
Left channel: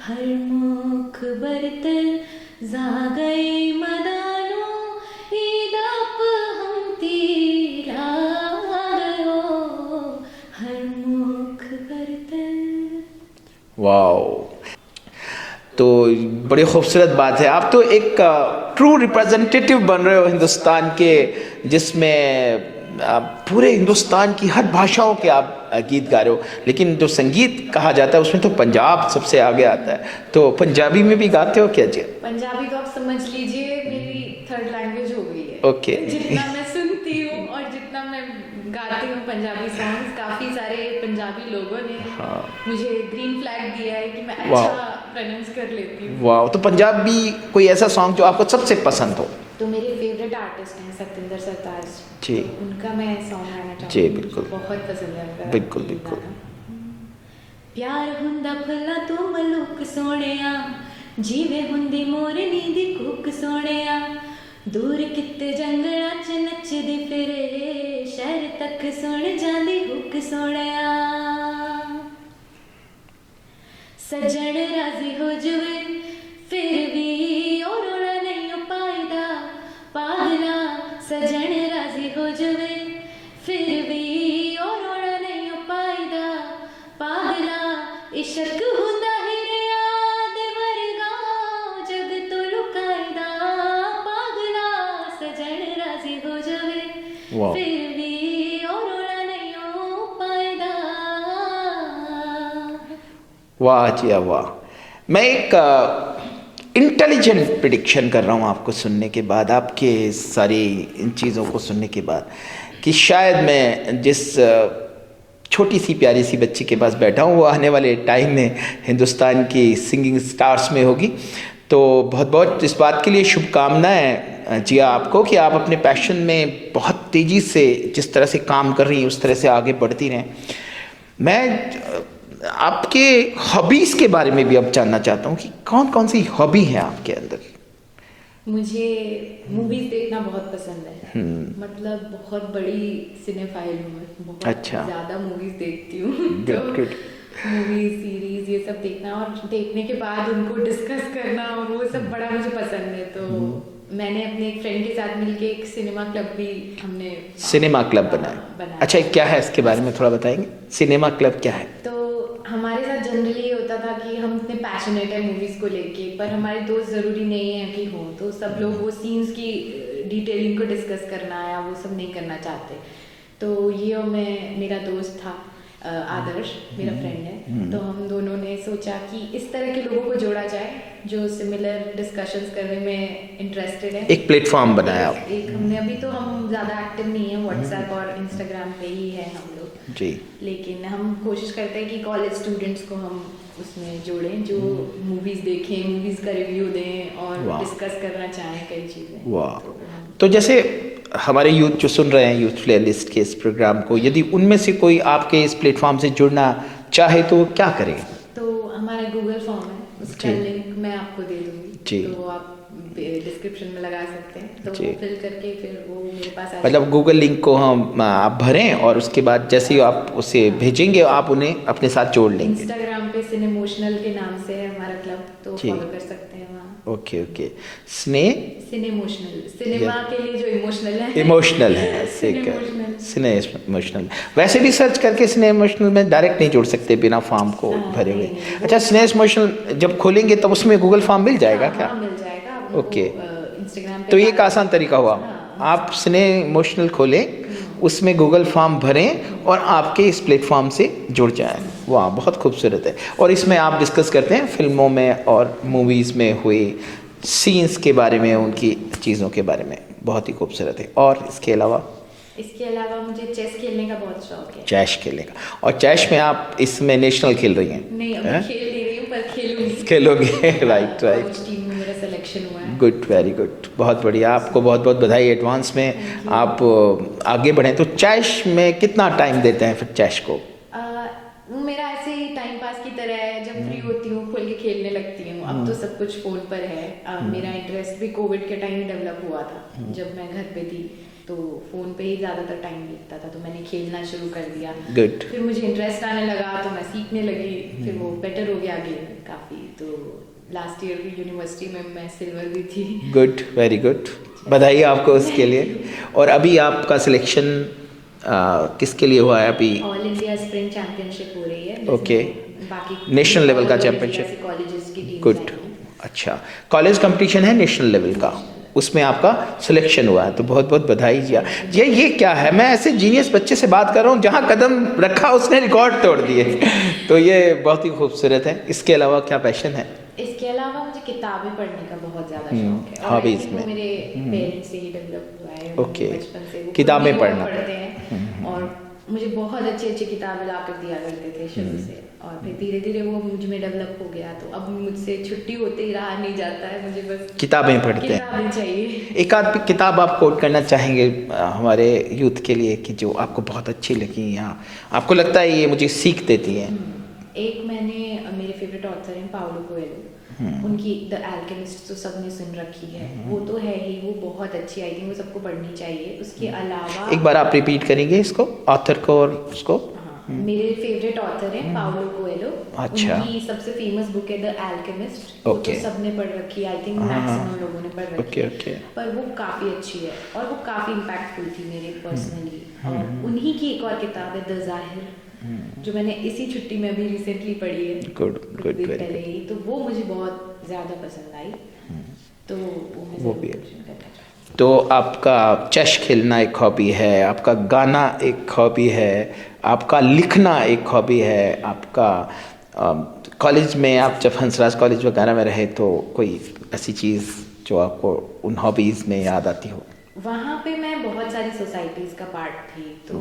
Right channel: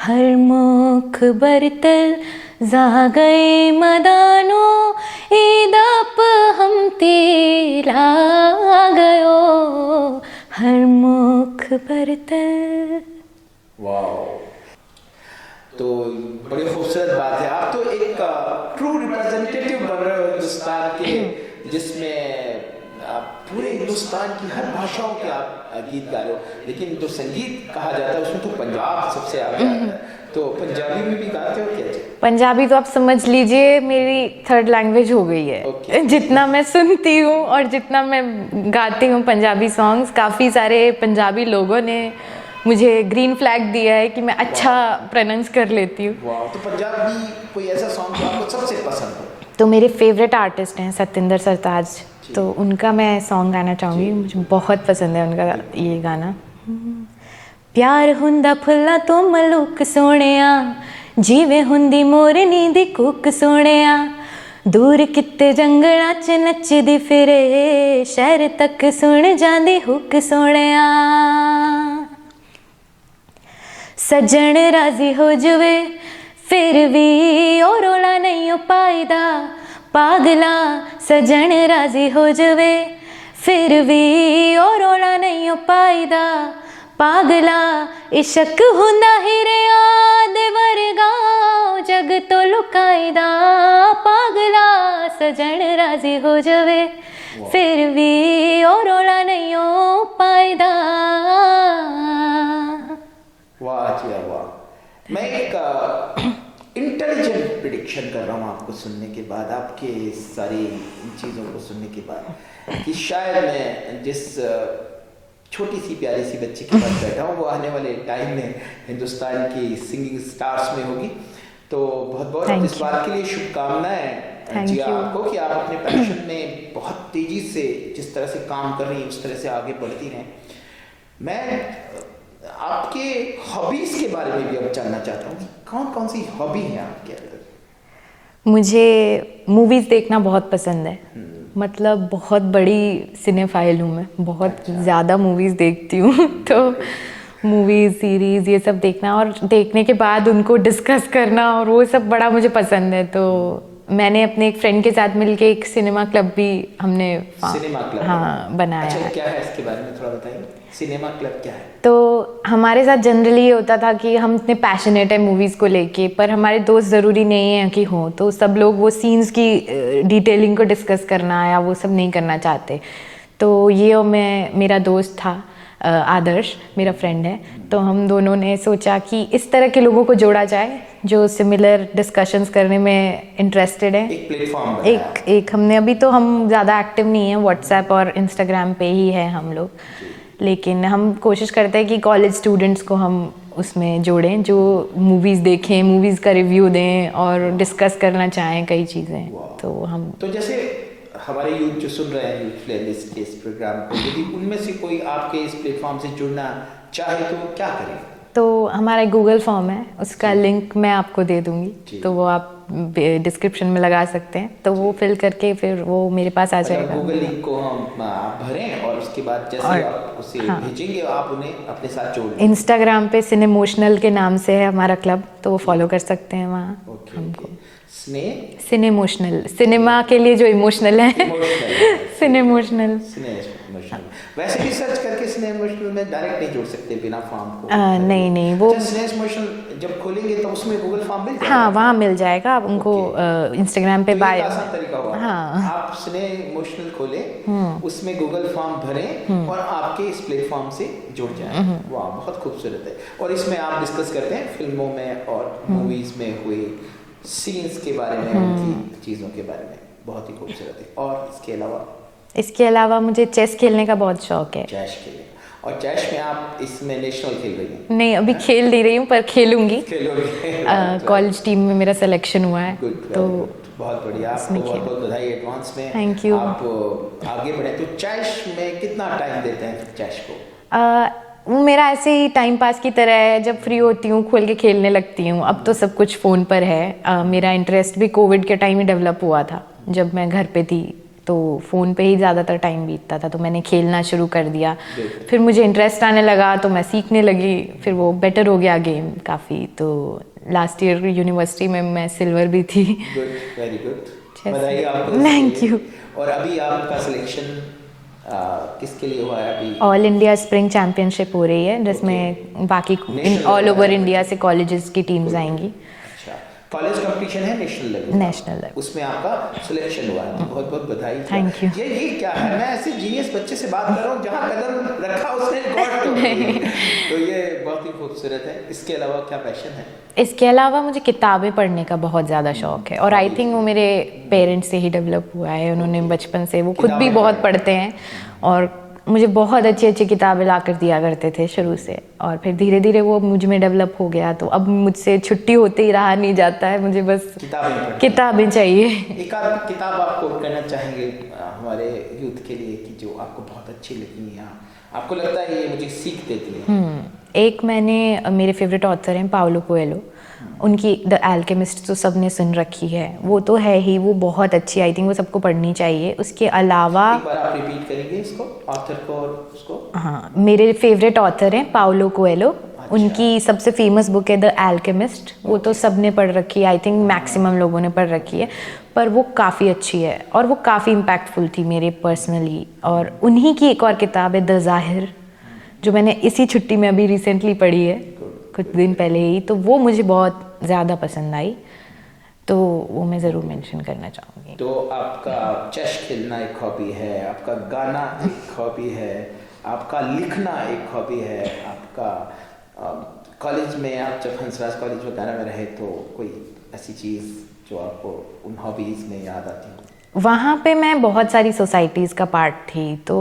हर मुख बरतर जा गए मदानो ईदप हम तेला गयो। हर मुख बरतर। वाओ, तो बड़ी खूबसूरत बात है। आप तो एक ट्रू रिप्रेजेंटेटिव बन रहे हो हिंदुस्तान के, जिसमें पूरे हिंदुस्तान की हर भाषाओं के आप गीत गा रहे हो। लेकिन जो संगीत कहा जाता है उसमें तो पंजाब सबसे आगे आता है। तो पंजाबी में भी गाते हो क्या जी? पंजाबी तो आप समझ लीजिए मेरी थर्ड लैंग्वेज हो गई है। Okay. जितना मैं सुनती हूँ और जितना मैं गाती हूँ पंजाबी सॉन्ग्स, काफ़ी सारे पंजाबी लोगों ने मुझे ग्रीन फ्लैग दिया है कि मैं अच्छा प्रोनाउंस कर लेती हूँ। वाह, तो पंजाबी कोई ऐसा सॉन्ग जो आपको सबसे पसंद हो? तो मेरे फेवरेट आर्टिस्ट हैं सतिंदर सरताज, जी। तो उनका मैं सॉन्ग गाना जी, चाहूँगी। बिल्कुल। मुझे बहुत पसंद है उनका बिल्कुल, ये बिल्कुल। गाना। प्यार हुंदा फुल्ला तो मलूक सोहणिया, जीवे हुंदी मोरनी दी कूक सोहणिया। दूर किते जंगलां च नचदी फिरे, शहर तक सुन जांदी हुक सोहणिया। सजन राजी हो जवे फिर भी ओ रोला नहीं पाईदा। पागला सजन राजी हो जवे फिर भी ओ रोला नहीं पाईदा। पागला इशक हुंदा हिरिया दे वर्गा, जग तो लुकाईदा। पागला सजन राजी हो जवे फिर भी ओ रोला नहीं पाईदा। वाह जी वाह। मैं एक इंटेलिजेंट प्रिडिक्शन कर रहा हूँ आपको सुनने के बाद, आपके सारी इन चीज़ों को सुनने के बाद, कि शायद मैं जिस छोटी सी प्यारी सी बच्ची के पास बैठा हूँ वो आने वाले टाइम में हिंदुस्तान की सिंगिंग स्टार्स में होगी। तो बहुत बहुत इस बात के लिए शुभकामनाएं जिया आपको कि आप अपने पैशन में बहुत तेज़ी से जिस तरह से काम कर रही हैं उस तरह से आगे बढ़ती रहें। मैं आपके हॉबीज़ के बारे में भी अब जानना चाहता हूँ कि कौन कौन सी हॉबी है आपके अंदर? मुझे मूवीज़ देखना बहुत पसंद है। मतलब बहुत बड़ी सिनेफाइल हूँ मैं, बहुत ज़्यादा मूवीज़ देखती हूँ। तो मूवीज़ सीरीज़ ये सब देखना और देखने के बाद उनको डिस्कस करना और वो सब बड़ा मुझे पसंद है। तो मैंने अपने एक फ्रेंड के साथ मिलके एक सिनेमा क्लब भी हमने सिनेमा क्लब बनाया। अच्छा, क्या है इसके बारे में थोड़ा बताएंगे? सिनेमा क्लब क्या है? तो हमारे साथ जनरली ये होता था कि हम इतने पैशनेट है मूवीज़ को लेके, पर हमारे दोस्त ज़रूरी नहीं है कि हों, तो सब लोग वो सीन्स की डिटेलिंग को डिस्कस करना या वो सब नहीं करना चाहते। तो ये और मेरा दोस्त था आदर्श, मेरा फ्रेंड है, तो हम दोनों ने सोचा कि इस तरह के लोगों को जोड़ा जाए जो सिमिलर डिस्कशंस करने में इंटरेस्टेड है। एक प्लेटफॉर्म बनाया। एक हमने अभी तो हम ज़्यादा एक्टिव नहीं है, व्हाट्सएप और इंस्टाग्राम पे ही है हम लोग जी। लेकिन हम कोशिश करते हैं कि कॉलेज स्टूडेंट्स को हम उसमें जोड़ें जो मूवीज़ देखें, मूवीज़ का रिव्यू दें और डिस्कस करना चाहें कई चीज़ें। तो हम तो जैसे हमारे यूथ जो सुन रहे हैं यूथ प्लेलिस्ट के इस प्रोग्राम को, यदि उनमें से कोई आपके इस प्लेटफॉर्म से जुड़ना चाहे तो क्या करें? तो हमारा गूगल फॉर्म है, उसका जी। लिंक मैं आपको दे जी। दूंगी, तो वो आप डिस्क्रिप्शन में लगा सकते हैं, तो वो जी। फिल करके फिर वो मेरे पास आ मतलब जाएगा। गूगल लिंक को हम आप भरें और उसके बाद जैसे ही और- आप उसे हाँ। भेजेंगे आप उन्हें अपने साथ जोड़ लेंगे। इंस्टाग्राम पे सिनेमोशनल के नाम से है हमारा क्लब, तो वो जी। फॉलो कर सकते हैं वहाँ। Okay okay. स्नेह सिनेमोशनल, सिनेमा के लिए जो इमोशनल है। इमोशनल है। सिनेमोशनल। सिने इमोशनल। वैसे भी सर्च करके सिने इमोशनल में डायरेक्ट नहीं जोड़ सकते बिना फॉर्म को भरे नहीं, हुए। नहीं, वो- अच्छा, सिने इमोशनल जब खोलेंगे तब उसमें गूगल फॉर्म मिल जाएगा हाँ, क्या? वहाँ मिल जाएगा आप उनको ओके। इंस्टाग्राम पे तो ये बाय- एक आसान तरीका हुआ। हाँ। आप सिने इमोशनल खोलें, उसमें गूगल फॉर्म भरें और आपके इस प्लेटफॉर्म से जुड़ जाएं। वाह, बहुत खूबसूरत है। और इसमें आप डिस्कस करते हैं फिल्मों में और मूवीज में हुई सीन्स के बारे में, उनकी चीज़ों के बारे में। बहुत ही खूबसूरत है। और इसके अलावा मुझे चेस खेलने का बहुत शौक है। चैश खेलेगा। और चैश में आप इसमें नेशनल खेल रही हैं? नहीं, अभी हैं? खेल नहीं रही हूँ, पर खेलूंगी। खेलोगे? राइट। कॉलेज टीम में मेरा सिलेक्शन हुआ है। गुड, वेरी तो गुड, बहुत बढ़िया। आपको बहुत बहुत बधाई एडवांस में। Thank you। आप आगे बढ़ें। तो चैश में कितना टाइम देते हैं फिर चैश को? वो मेरा ऐसे ही टाइम पास की तरह है, जब फ्री होती हूँ खोल के खेलने लगती हूँ। अब तो सब कुछ फ़ोन पर है। मेरा इंटरेस्ट भी कोविड के टाइम ही डेवलप हुआ था, जब मैं घर पे थी, तो फ़ोन पे ही ज़्यादातर टाइम बीतता था, तो मैंने खेलना शुरू कर दिया। Good। फिर मुझे इंटरेस्ट आने लगा, तो मैं सीखने लगी, फिर वो बेटर हो गया गेम काफ़ी। तो लास्ट ईयर यूनिवर्सिटी में मैं सिल्वर भी थी। गुड, वेरी गुड, बधाई आपको उसके Thank लिए। you। और अभी आपका सिलेक्शन किसके लिए हुआ है अभी? ऑल इंडिया स्प्रिंग चैंपियनशिप हो रही है, जिसमें बाकी National level ऑल का ओवर इंडिया championship। से कॉलेजेस की टीम्स Good। आएंगी। अच्छा, कॉलेज कंपटीशन है नेशनल लेवल का? National level। उसमें आपका सिलेक्शन हुआ है, तो बहुत बहुत बधाई जी। Thank you। ये क्या है? मैं ऐसे जीनियस बच्चे से बात कर रहा हूँ, जहाँ कदम रखा उसने रिकॉर्ड तोड़ दिए। तो ये बहुत ही खूबसूरत है। इसके अलावा क्या पैशन है? इसके अलावा मुझे किताबें पढ़ने का बहुत ज़्यादा शौक है, और आई Hobbies थिंक वो में। मेरे पेरेंट्स से ही डेवलप हुआ है। उन्होंने Okay। बचपन से, वो खुद किताबें भी बहुत पढ़ना। पढ़ते हैं, और मुझे बहुत अच्छी अच्छी किताबें ला कर दिया करते थे शुरू से, और फिर धीरे धीरे वो मुझ में डेवलप हो गया। तो अब मुझसे छुट्टी होते ही रहा नहीं जाता है, मुझे बस किताबें पढ़ते हैं। किताबें चाहिए। एक आध किताब आप कोट करना चाहेंगे हमारे यूथ के लिए, कि जो आपको बहुत अच्छी लगी या आपको लगता है ये मुझे सीख देती है? एक मेरे फेवरेट ऑथर हैं पाउलो कोएलो, उनकी द अल्केमिस्ट तो सबने सुन रखी है, वो तो है ही, वो बहुत अच्छी, आई थिंक वो सबको पढ़नी चाहिए। उसके अलावा एक बार आप रिपीट करेंगे इसको, ऑथर को और उसको? हाँ, मेरे फेवरेट ऑथर हैं पाउलो कोएलो। अच्छा। उनकी सबसे फेमस बुक है द अल्केमिस्ट, वो तो Okay। सबने पढ़ रखी है, आई थिंक मैक्सिमम लोगों ने पढ़ रखी है, पर वो काफ़ी अच्छी है और वो काफ़ी इम्पैक्टफुल थी मेरे पर्सनली। और उन्हीं की एक और किताब है द ज़ाहिर, जो मैंने इसी छुट्टी में अभी रिसेंटली पढ़ी है, कुछ दिन पहले ही, तो वो मुझे बहुत ज़्यादा पसंद आई, तो वो मैं ज़रूर मेंशन करना चाहूँगी। तो आपका चेस खेलना एक हॉबी है, आपका गाना एक हॉबी है, आपका लिखना एक हॉबी है, आपका कॉलेज में आप जब हंसराज कॉलेज वगैरह में रहे तो कोई ऐसी चीज़ जो आपको उन हॉबीज़ में याद आती हो? वहाँ पे मैं बहुत सारी सोसाइटीज़ का पार्ट थी, तो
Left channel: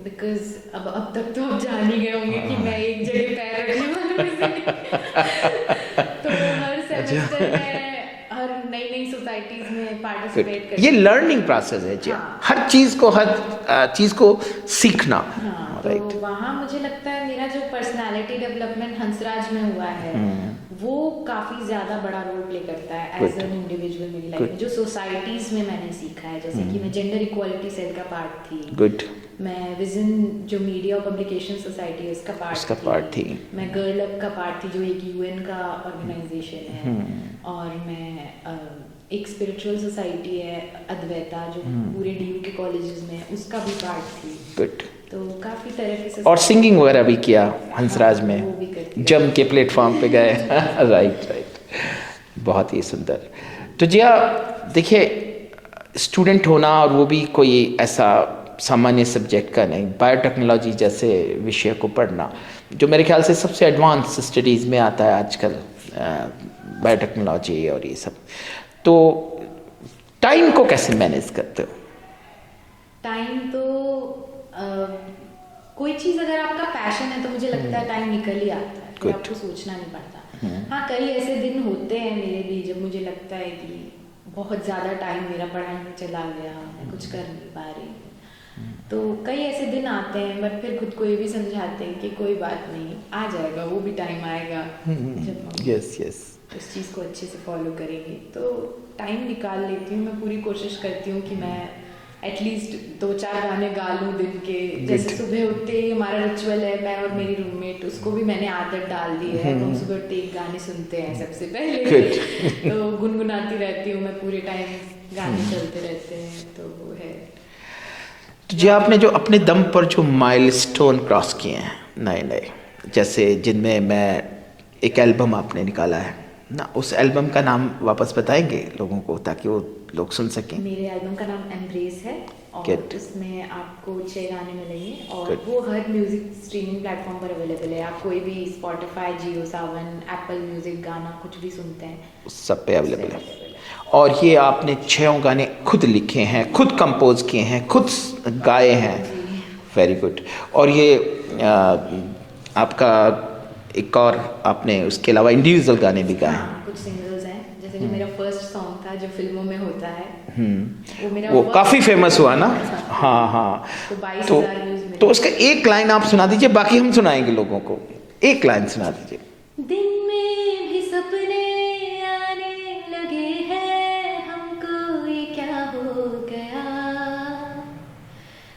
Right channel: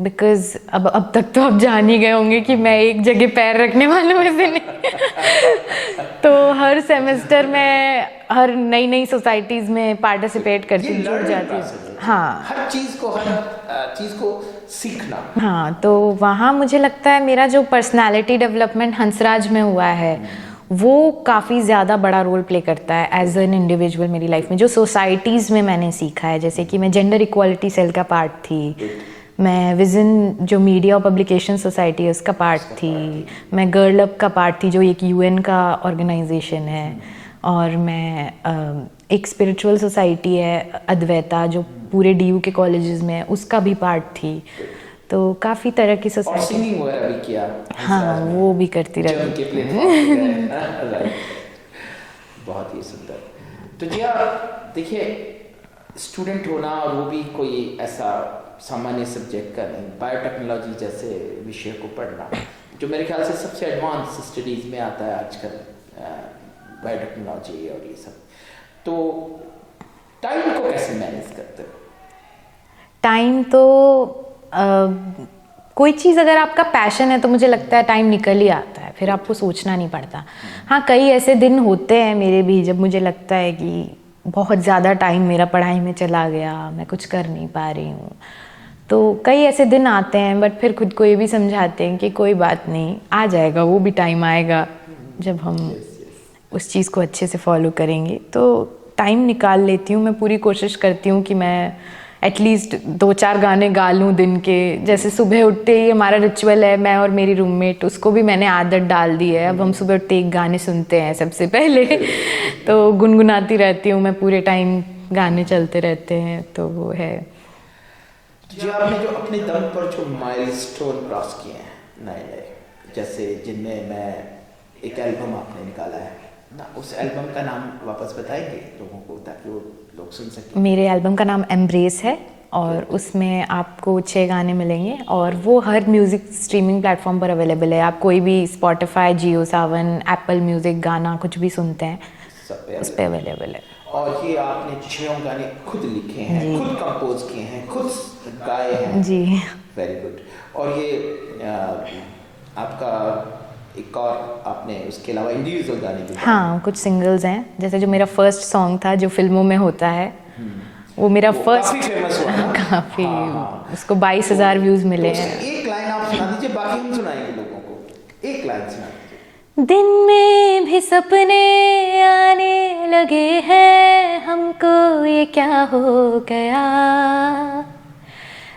बिकॉज अब तक तो आप जान ही गए होंगे कि मैं एक जगह पैर रखने वालों में से नहीं। तो हर सेमेस्टर में हर नई सोसाइटीज़ में पार्टिसिपेट करती ये लर्निंग प्रोसेस है। हाँ, हर चीज़ को सीखना। हाँ, तो वहाँ मुझे लगता है मेरा जो पर्सनालिटी डेवलपमेंट हंसराज में हुआ है, वो काफ़ी ज़्यादा बड़ा रोल प्ले करता है एज एन इंडिविजुअल मेरी लाइफ में। जो सोसाइटीज़ में मैंने सीखा है, जैसे कि मैं जेंडर इक्वालिटी सेल का पार्ट थी, मैं विजन जो मीडिया और पब्लिकेशन सोसाइटी है उसका पार्ट थी, मैं गर्ल अप का पार्ट थी जो एक यूएन का ऑर्गेनाइजेशन है, और मैं एक स्पिरिचुअल सोसाइटी है अद्वैता जो पूरे डीयू के कॉलेजेस में है, उसका भी पार्ट थी। तो काफ़ी तरह की और सिंगिंग वगैरह भी किया हंसराज में? वो भी करती रही, जम के प्लेटफॉर्म पे गए। राइट, बहुत ही सुंदर। तो जिया देखिए, स्टूडेंट होना और वो भी कोई ऐसा सामान्य सब्जेक्ट का नहीं, बायोटेक्नोलॉजी जैसे विषय को पढ़ना जो मेरे ख्याल से सबसे एडवांस स्टडीज़ में आता है आजकल, बायोटेक्नोलॉजी और ये सब, तो टाइम को कैसे मैनेज करते हो? टाइम तो कोई चीज़ अगर आपका पैशन है तो मुझे लगता है टाइम निकल ही आता है, फिर आपको सोचना नहीं पड़ता। हाँ, कई ऐसे दिन होते हैं मेरे भी जब मुझे लगता है कि बहुत ज़्यादा टाइम मेरा पढ़ाई में चला गया, मैं कुछ कर नहीं पा रही हूँ, तो कई ऐसे दिन आते हैं, बट फिर खुद को ये भी समझाते हैं कि कोई बात नहीं, आ जाएगा, वो भी टाइम आएगा जब हम यस यस। उस चीज़ को अच्छे से फॉलो करेंगे। तो टाइम निकाल लेती हूँ, मैं पूरी कोशिश करती हूँ कि मैं एटलीस्ट 2-4 गाने गा लूँ दिन के। जैसे सुबह उठते ही हमारा रिचुअल है, मैं और मेरी रूममेट, उसको भी मैंने आदत डाल दी है। अब हम सुबह उठते ही गाने सुनते हैं सबसे पहले तो गुनगुनाती रहती हूँ मैं, पूरे टाइम गाने चलते रहते हैं, तो वो है। तो जो आपने जो अपने दम पर जो माइलस्टोन क्रॉस किए हैं नए नए, जैसे जिनमें मैं एक एल्बम आपने निकाला है ना, उस एल्बम का नाम वापस बताएंगे लोगों को ताकि वो लोग सुन सकें? मेरे एल्बम का नाम एम्ब्रेस है और Good. उसमें आपको 6 गाने मिलेंगे और वो हर म्यूज़िक स्ट्रीमिंग प्लेटफॉर्म पर अवेलेबल है। आप कोई भी स्पॉटिफाई, जियो सावन, एप्पल म्यूज़िक, गाना कुछ भी सुनते हैं, सब पे उस पे अवेलेबल है। अवेलेबल है। और ये आपने 6 गाने खुद लिखे हैं, खुद कंपोज किए हैं, खुद गाए हैं? जी। Very good. और ये आपका एक और आपने उसके अलावा इंडिविजुअल गाने भी गाए? हाँ, कुछ सिंगल्स हैं, जैसे जो मेरा फर्स्ट सॉन्ग था जो फिल्मों में होता है, वो मेरा वो फर्स्ट काफी फेमस हुआ ना? काफी, हाँ हाँ। उसको 22,000 व्यूज मिले तो उसका हैं। एक लाइन आप सुना दीजिए, बाकी हम सुनाएंगे लोगों को। एक लाइन सुना दीजिए। दिन में भी सपने आने लगे हैं, हमको ये क्या हो गया,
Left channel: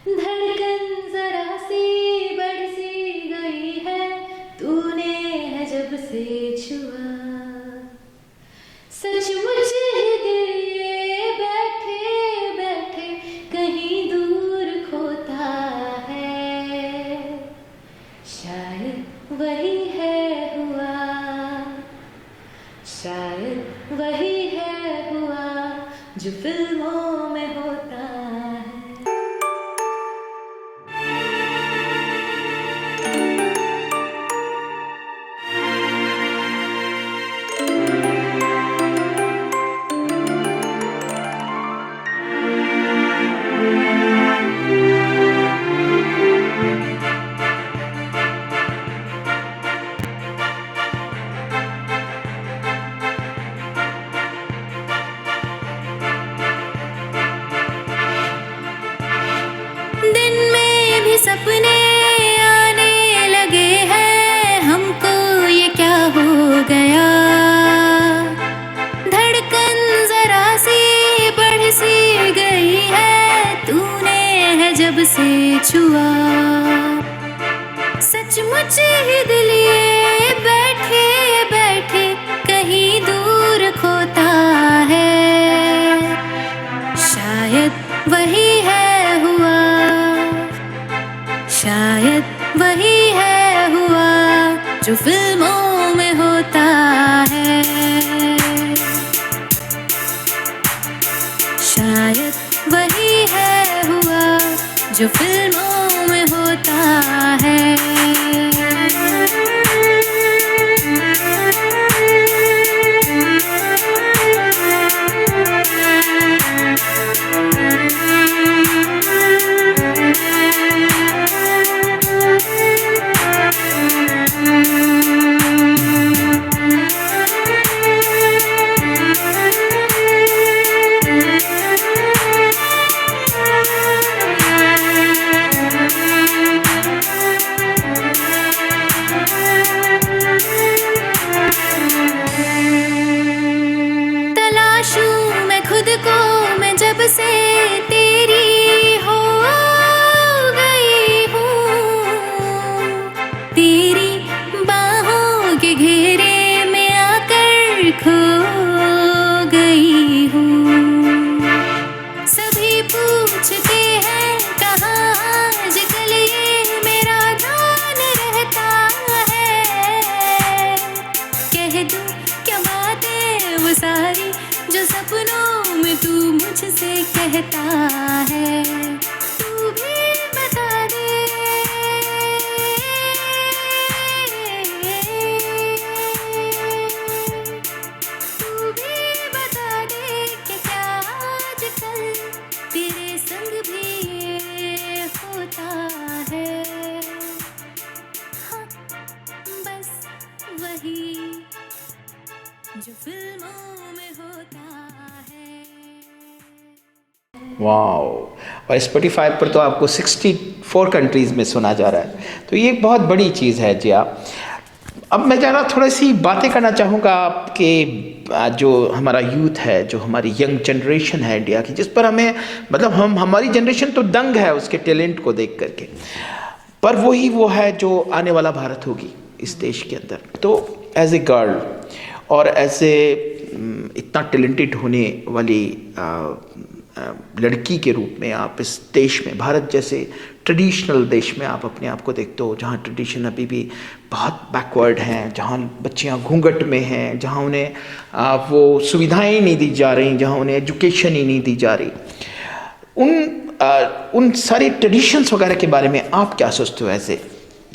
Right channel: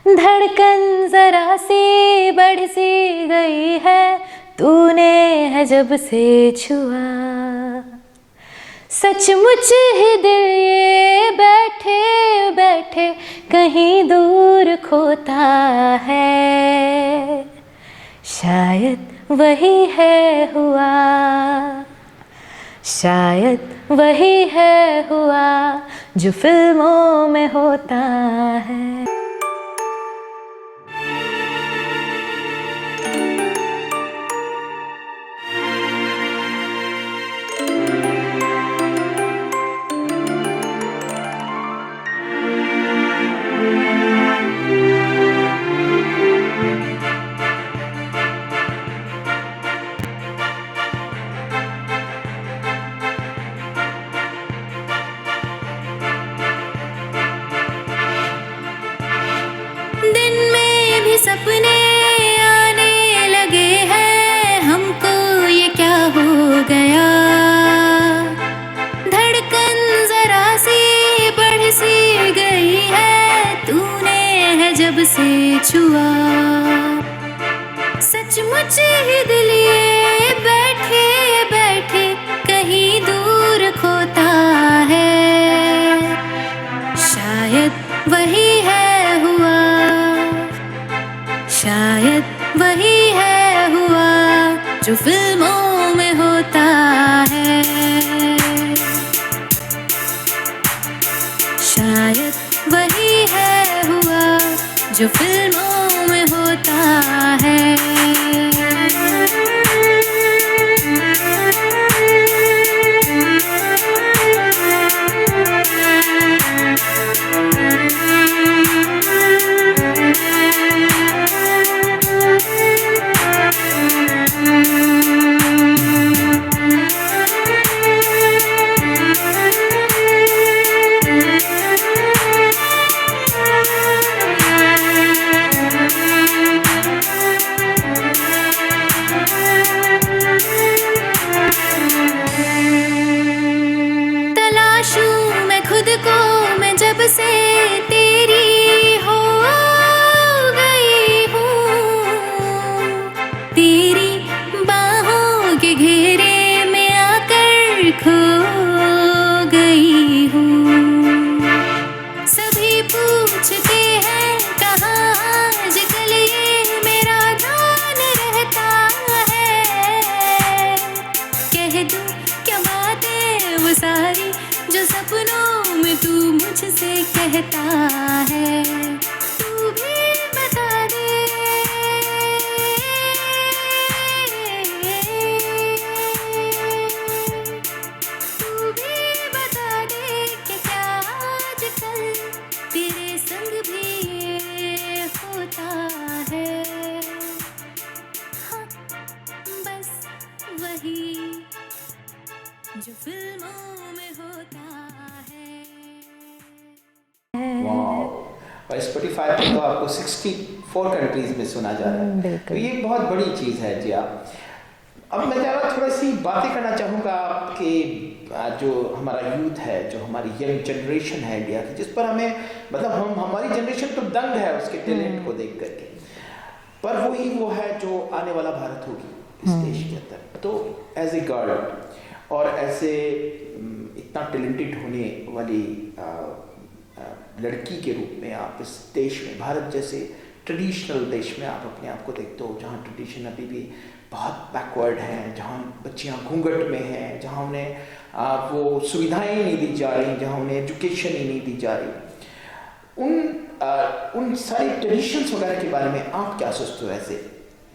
धड़कन जरा सी बढ़ सी गई है, तूने है जब से छुआ, सचमुच ही दिल ये बैठे बैठे कहीं दूर खोता है, शायद वही है हुआ, शायद वही है हुआ जो फिल्मों में होता है। दिन में भी सपने आने लगे हैं, हमको ये क्या हो गया, धड़कन जरा सी बढ़ सी गई है, तूने है जब से छुआ, सचमुच ही दिल ये बैठे बैठे कहीं दूर खोता है, शायद वही है हुआ, शायद वही है हुआ जो फिल्मों में होता है, शायद वही है हुआ जो फिल्मों में होता है। तलाशूं मैं खुद को, मैं जब से तेरी हो गई हूँ, तेरी बाहों के घेरे में आकर खो गई हूँ, सभी पूछते हैं कहाँ आजकल ये मेरा ध्यान रहता है, कह दूं क्या बातें वो सारी जो सपनों में तू मुझसे कहता है, तू भी बता दे, तू भी बता दे कि क्या आजकल तेरे संग भी ये होता है, हाँ, बस वही जो फिल्मों में होता है। वाओ। और स्पॉटिफाई पर तो आपको 64 कंट्रीज़ में सुना जा रहा है, तो ये बहुत बड़ी चीज़ है जिया। अब मैं ज़रा थोड़ी सी बातें करना चाहूँगा आपके जो हमारा यूथ है, जो हमारी यंग जनरेशन है इंडिया की, जिस पर हमें मतलब हमारी जनरेशन तो दंग है उसके टैलेंट को देख करके, पर वही वो है जो आने वाला भारत होगी इस देश के अंदर। तो एज ए गर्ल और एज ए इतना टैलेंटेड होने वाली लड़की के रूप में आप इस देश में, भारत जैसे ट्रेडिशनल देश में आप अपने आप को देखते हो, जहाँ ट्रेडिशन अभी भी बहुत बैकवर्ड हैं, जहाँ बच्चियाँ घूंघट में हैं, जहाँ उन्हें वो सुविधाएं नहीं दी जा रही, जहाँ उन्हें एजुकेशन ही नहीं दी जा रही, उन सारी ट्रेडिशंस वगैरह के बारे में आप क्या सोचते हो एज ए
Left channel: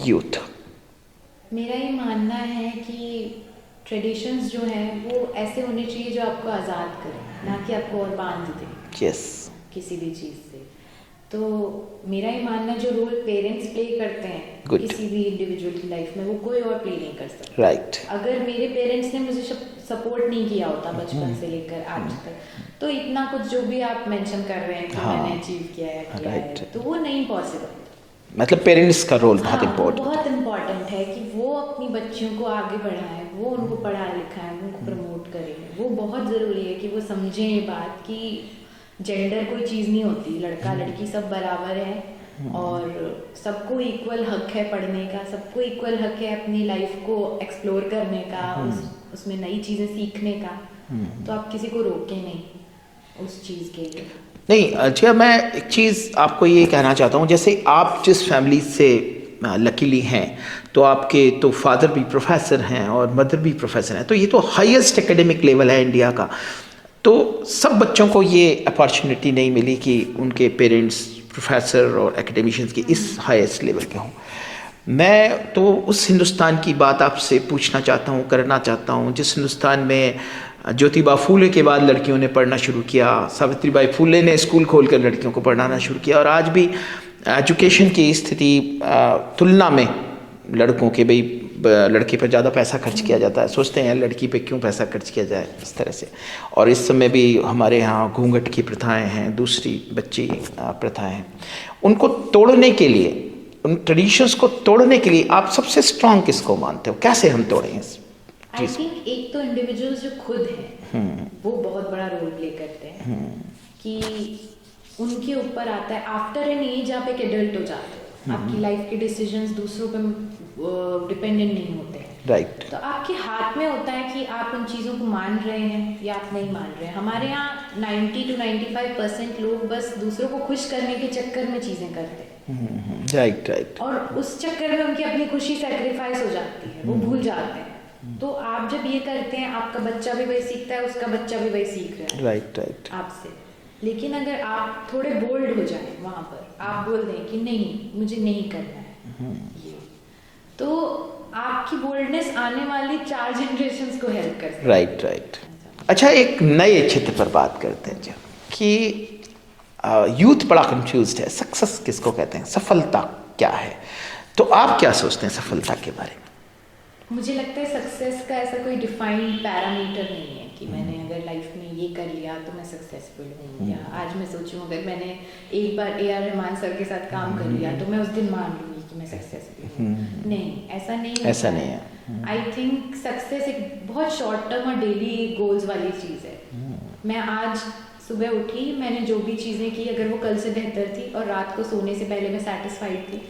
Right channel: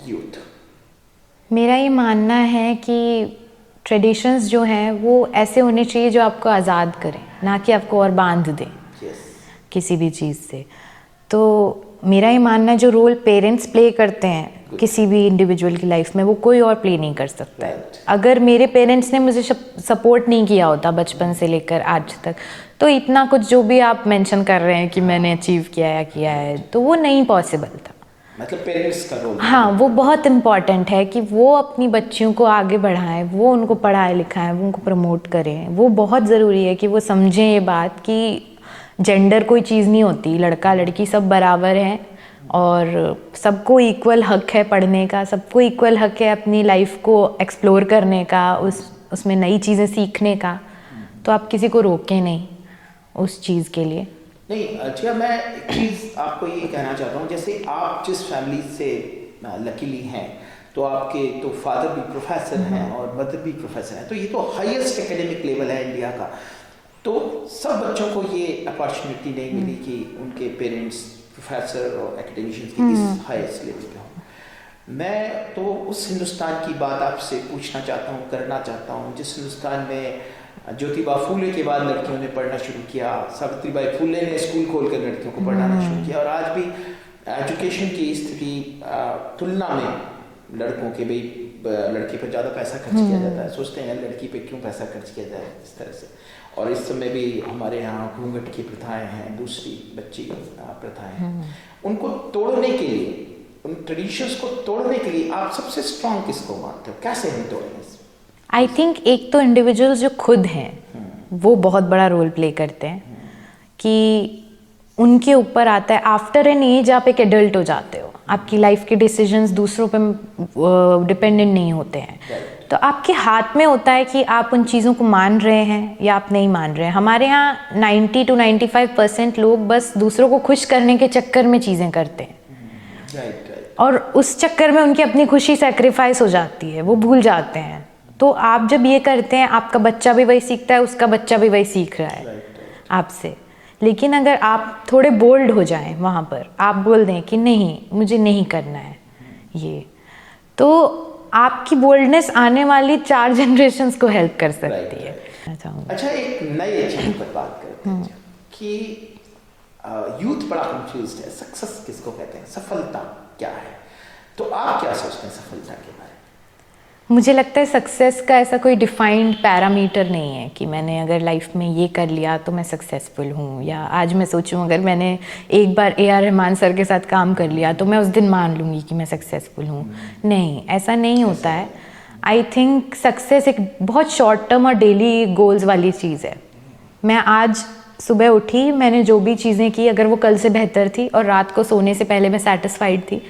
यूथ? मेरा ये मानना है कि ट्रेडिशंस जो हैं वो ऐसे होने चाहिए जो आपको आज़ाद करें, ना कि आपको और बांध दें किसी भी चीज़ से। तो मेरा ये मानना है जो रोल पेरेंट्स प्ले करते हैं किसी भी इंडिविजुअल की लाइफ में, वो कोई और प्ले नहीं कर सकता। अगर मेरे पेरेंट्स ने मुझे सपोर्ट नहीं किया होता बचपन से लेकर आज तक, तो इतना कुछ जो भी आप मेंशन कर रहे हैं कि मैंने अचीव किया है, तो वो नहीं पॉसिबल था। मतलब पेरेंट्स का रोल वो बहुत इम्पॉर्टेंट है कि वो अपनी बच्चियों को आगे बढ़ाएं, वो उनको पढ़ाए लिखाएं, वो उनको प्रमोट करें। वो बहुत ज़रूरी है कि वो समझें ये बात कि जेंडर कोई चीज़ नहीं होती, लड़का लड़की सब बराबर हैं और सबको इक्वल हक है पढ़ने का, सबको इक्वल हक है अपनी लाइफ को एक्सप्लोर करने का, उसमें नई चीज़ें सीखने का। तो आप किसी को रोकें नहीं उस चीज़ के लिए। नहीं अच्छा, मैं एक चीज़ आपको ये कहना चाहता हूँ, जैसे आप जिस फैमिली से लकीली हैं, तो आपके तो फादर भी प्रोफेसर हैं और मदर भी प्रोफेसर हैं, तो ये तो हाईएस्ट एकेडमिक लेवल है इंडिया का। तो सब बच्चों को ये अपॉर्चुनिटी नहीं मिली कि उनके पेरेंट्स प्रोफेसर और एकेडमिशियंस की इस हाईएस्ट लेवल के हों। मैं तो उस हिंदुस्तान की बात आपसे पूछना चाहता हूँ, करना चाहता हूँ, जिस हिंदुस्तान में ज्योतिबा फूले के बाद लड़कियों ने पढ़ना शुरू किया, सावित्रीबाई फूले ने स्कूल खोलकर लड़कियों को पढ़ाना शुरू किया, और आज भी एजुकेशन की स्थिति तुलना में लड़कों के, भाई लड़के पर ज़्यादा पैसा खर्च किया जाता है, सोचते हैं लड़की पे क्यों पैसा खर्च किया जाए इस तरह से। और इस समय भी हमारे यहाँ घूंघट की प्रथाएं हैं, दूसरी बच्ची प्रथाएं हैं, उनको तोड़ने के लिए, उन ट्रेडिशंस को तोड़ने के लिए आप सबसे स्ट्रांग किसको मानते हो? कैसे हम तोड़ें? आई थिंक एक तो इंडिविजुअल्स जो खुद हैं वो बहुत बड़ा रोल प्ले करते हैं कि उनके ऊपर आता है, आफ्टर एन एज आप एक एडल्ट हो जाते हो, आपकी लाइफ के डिसीजंस दूसरों पे डिपेंडेंट नहीं होते हैं। तो आपके हाथ में होता है कि आप उन चीज़ों को मान रहे हैं या आप नहीं मान रहे हैं। हमारे यहाँ 90 to 95% लोग बस दूसरों को खुश करने के चक्कर में चीज़ें करते हैं, और उस चक्कर में उनकी अपनी खुशी सेक्रीफाइस हो जाती है, वो भूल जाते हैं। तो आप जब ये करते हैं, आपका बच्चा भी वही सीखता है, उसका बच्चा भी वही सीख रहा है आपसे। लेकिन अगर आप थोड़े बोल्ड हो जाएं वहाँ पर, आप बोल दें कि नहीं, मुझे नहीं करना है ये, तो आपकी बोल्डनेस आने वाली 4 जनरेशंस को हेल्प कर सकती है। अच्छा, एक नए क्षेत्र पर बात करते हैं कि यूथ बड़ा कंफ्यूज्ड है, सक्सेस किसको कहते हैं, सफलता क्या है? तो आप क्या सोचते हैं सफलता के बारे में? मुझे लगता है सक्सेस का ऐसा कोई डिफाइंड पैरामीटर नहीं है कि मैंने अगर लाइफ में ये कर लिया तो मैं सक्सेसफुल हूँ, या आज मैं सोचूं अगर मैंने एक बार A.R. रहमान सर के साथ काम कर लिया तो मैं उस दिन मान लूँगी कि मैं सक्सेसफुल हूँ। नहीं, ऐसा नहीं होता है। आई थिंक सक्सेस एक बहुत शॉर्ट टर्म और डेली गोल्स वाली चीज़ है। मैं आज सुबह उठी, मैंने जो भी चीज़ें की, अगर वो कल से बेहतर थी, और रात को सोने से पहले मैं सेटिस्फाइड थी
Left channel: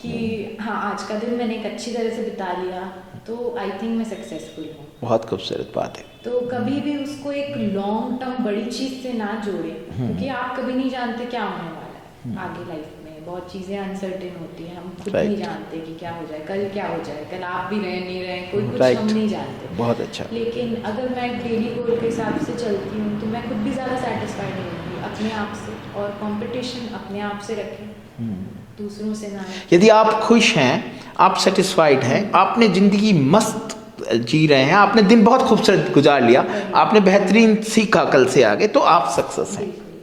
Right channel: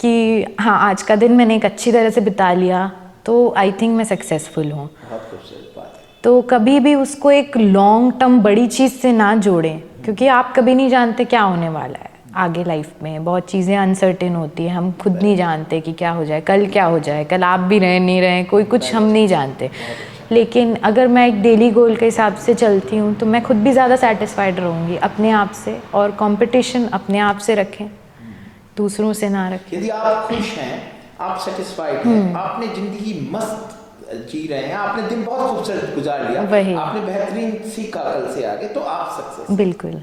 कि हाँ, आज का दिन मैंने एक अच्छी तरह से बिता लिया, तो आई थिंक मैं सक्सेसफुल हूँ। बहुत खूबसूरत बात है। तो कभी भी उसको एक लॉन्ग टर्म बड़ी चीज़ से ना जोड़ें, क्योंकि आप कभी नहीं जानते क्या होने वाला है आगे लाइफ में। बहुत चीज़ें अनसर्टेन होती है, हम खुद नहीं जानते कि क्या हो जाए, कल क्या हो जाए, कल आप भी रहें नहीं रहें, कोई कुछ हम नहीं जानते। बहुत अच्छा। लेकिन अगर मैं एक डेली गोल के हिसाब से चलती हूँ तो मैं खुद भी ज़्यादा सेटिस्फाइड रहूँगी अपने आप से, और कंपटीशन अपने आप से रखें, दूसरों से ना रखें। यदि आप खुश हैं, आप सेटिस्फाइड हैं, आपने ज़िंदगी मस्त जी रहे हैं, आपने दिन बहुत खूबसूरत गुजार लिया, आपने बेहतरीन सीखा कल से आगे, तो आप सक्सेस। बिल्कुल।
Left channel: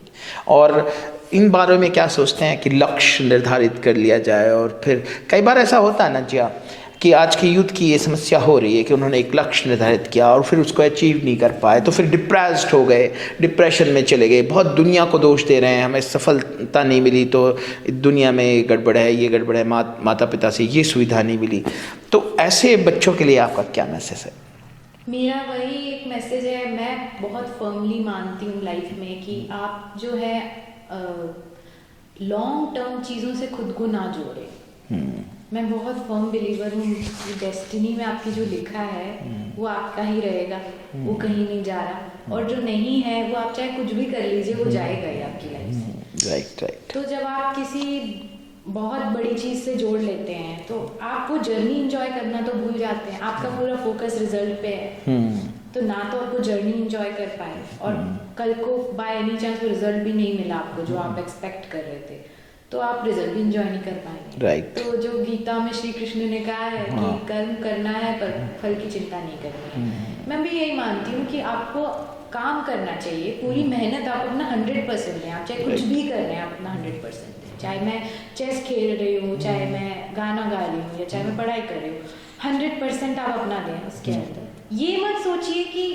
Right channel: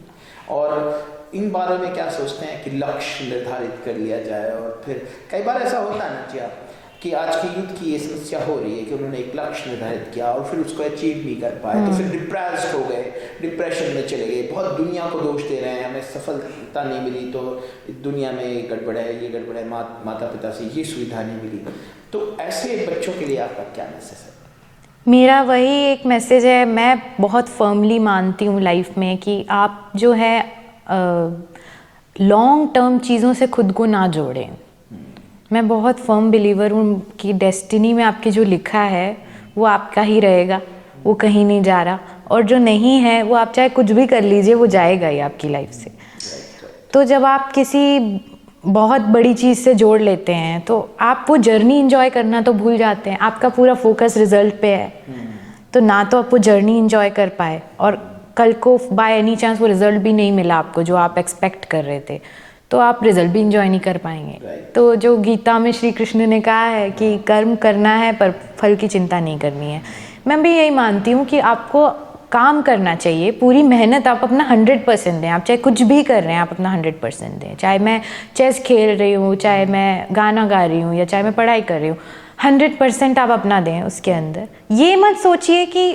और इन बारों में क्या सोचते हैं कि लक्ष्य निर्धारित कर लिया जाए, और फिर कई बार ऐसा होता है ना जिया कि आज के यूथ की ये समस्या हो रही है कि उन्होंने एक लक्ष्य निर्धारित किया और फिर उसको अचीव नहीं कर पाए, तो फिर डिप्रेस्ड हो गए, डिप्रेशन में चले गए, बहुत दुनिया को दोष दे रहे हैं, हमें सफलता नहीं मिली तो दुनिया में गड़बड़ है, ये गड़बड़ है, माता पिता से ये सुविधा नहीं मिली। तो ऐसे बच्चों के लिए आपका क्या मैसेज है? मेरा वही एक मैसेज है, मैं बहुत फर्मली मानती हूँ लाइफ में कि आप जो है लॉन्ग टर्म चीज़ों से खुद को ना जोड़ें। मैं बहुत फर्म बिलीवर हूँ कि डेस्टिनी में आपके जो लिखा है वो आपका ही रहेगा, वो कहीं नहीं जा रहा, और जो नहीं है वो आप चाहे कुछ भी कर लीजिए वो जाएगा ही आपकी लाइफ से। राइट। तो जब आप किसी बहुत बड़ी चीज़ से जोड़ लेते हैं तो आप वो जर्नी इंजॉय करना तो भूल जाते हैं, आपका पूरा फोकस रिजल्ट पे है, तो ना तो आप वो जर्नी इंजॉय कर पाए, और कल को बाय एनी चांस वो रिजल्ट भी नहीं मिला आपको जो आप एक्सपेक्ट कर रहे थे, तो आप रिजल्ट भी इंजॉय नहीं कर पाएंगे। Right. तो जो गीता में श्री कृष्ण ने कहा है कि कर्म करना है पर फल की चिंता नहीं करनी है, मैं भी यही मानती हूँ कि आपको काम करना चाहिए, पूरी मेहनत आप अपना 100% दें, आप चाहे कुछ भी कर रहे हैं आप अपना 100% दें, चाहे मैं चेस खेल रही हूँ, चाहे मैं गाना गा रही हूँ, या चाहे मैं पढ़ाई कर रही हूँ, 100% आप अपना दें उसके अंदर। ये मत सोचिए कि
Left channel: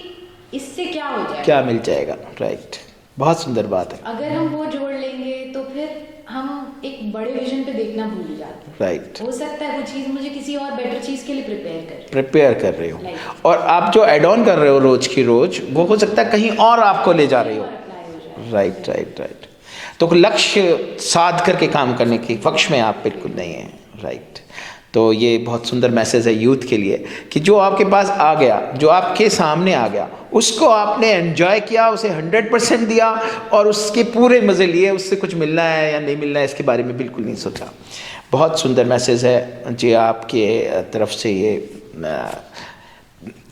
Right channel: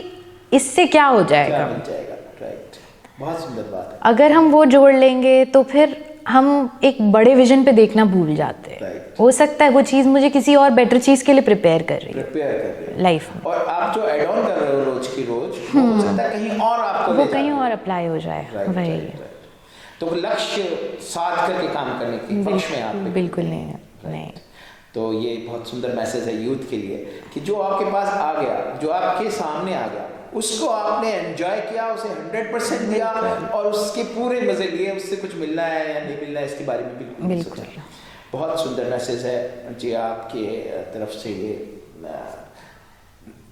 इससे क्या हो जाएगा, क्या मिल जाएगा। राइट, बहुत सुंदर बात है। अगर हम वो जोड़ लेंगे तो फिर हम एक बड़े विजन पे देखना भूल जाते हैं। Right. हो सकता है वो चीज़ मुझे किसी और बेटर चीज़ के लिए प्रिपेयर कर रही हो लाइफ, में। और आप जो एड ऑन कर रहे हो रोज की रोज, वो हो सकता है कहीं और आपको ले जा रही हो, और अप्लाई हो जाए। राइट। तो लक्ष्य साध करके काम करने के पक्ष में आप बिल्कुल नहीं हैं। राइट। तो ये बहुत सुंदर मैसेज है यूथ के लिए कि जो आपके पास आ गया, जो आपके सामने आ गया, उसको आपने एंजॉय किया, उसे 100% दिया और उसके पूरे मज़े लिए, उससे कुछ मिलना है या नहीं मिलना है इसके बारे में बिल्कुल नहीं सोचा। बहुत सुंदर मैसेज है जी आपके तरफ से। ये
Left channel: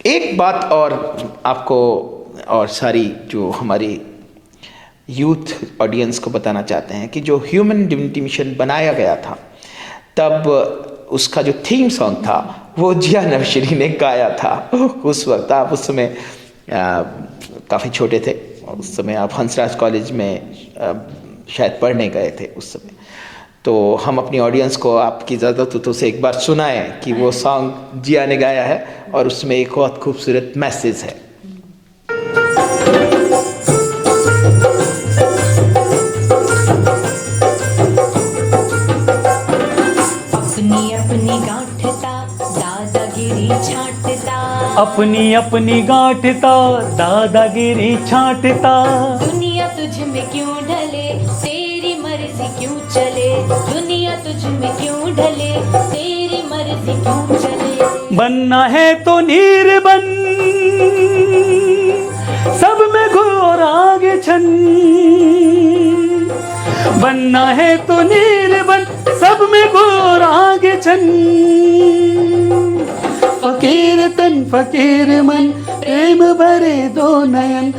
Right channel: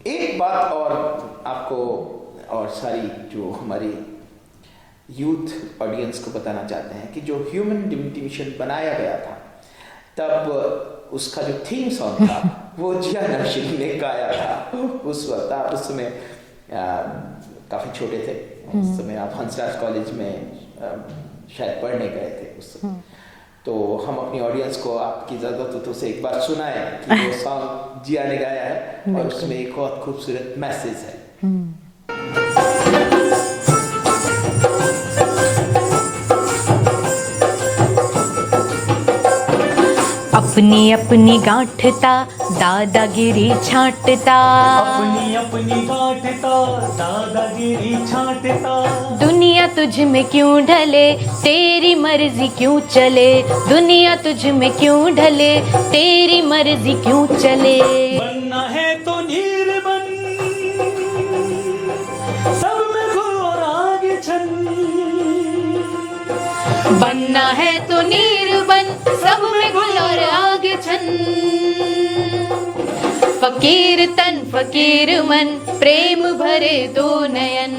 एक बात और आपको और सारी जो हमारी यूथ ऑडियंस को बताना चाहते हैं कि जो ह्यूमन डिविनिटी मिशन बनाया गया था, तब उसका जो थीम सॉन्ग था वो जिया नवश्री ने गाया था। उस वक्त आप उस समय काफ़ी छोटे थे, उस समय आप हंसराज कॉलेज में शायद पढ़ने गए थे उस समय। तो हम अपनी ऑडियंस को आपकी ज़रूरत हो तो उसे एक बार सुनाएं कि वो सॉन्ग जिया ने गाया है और उसमें एक बहुत खूबसूरत मैसेज है। अपनी अपनी गांठता दादागिरी छांटता, अपनी अपनी गांठता दादागिरी छांटता। दुनिया तुझ में क्यों ढले तेरी मर्जी क्यों चले, दुनिया तुझ में क्यों ढले तेरी मर्जी क्यों चले। बनना है तो नीर बन, सब में घोर आगे छन। बनना है तो नीर बन, सब में घोर आगे छन। फकीर तन फकीर मन प्रेम भरे दो नयन,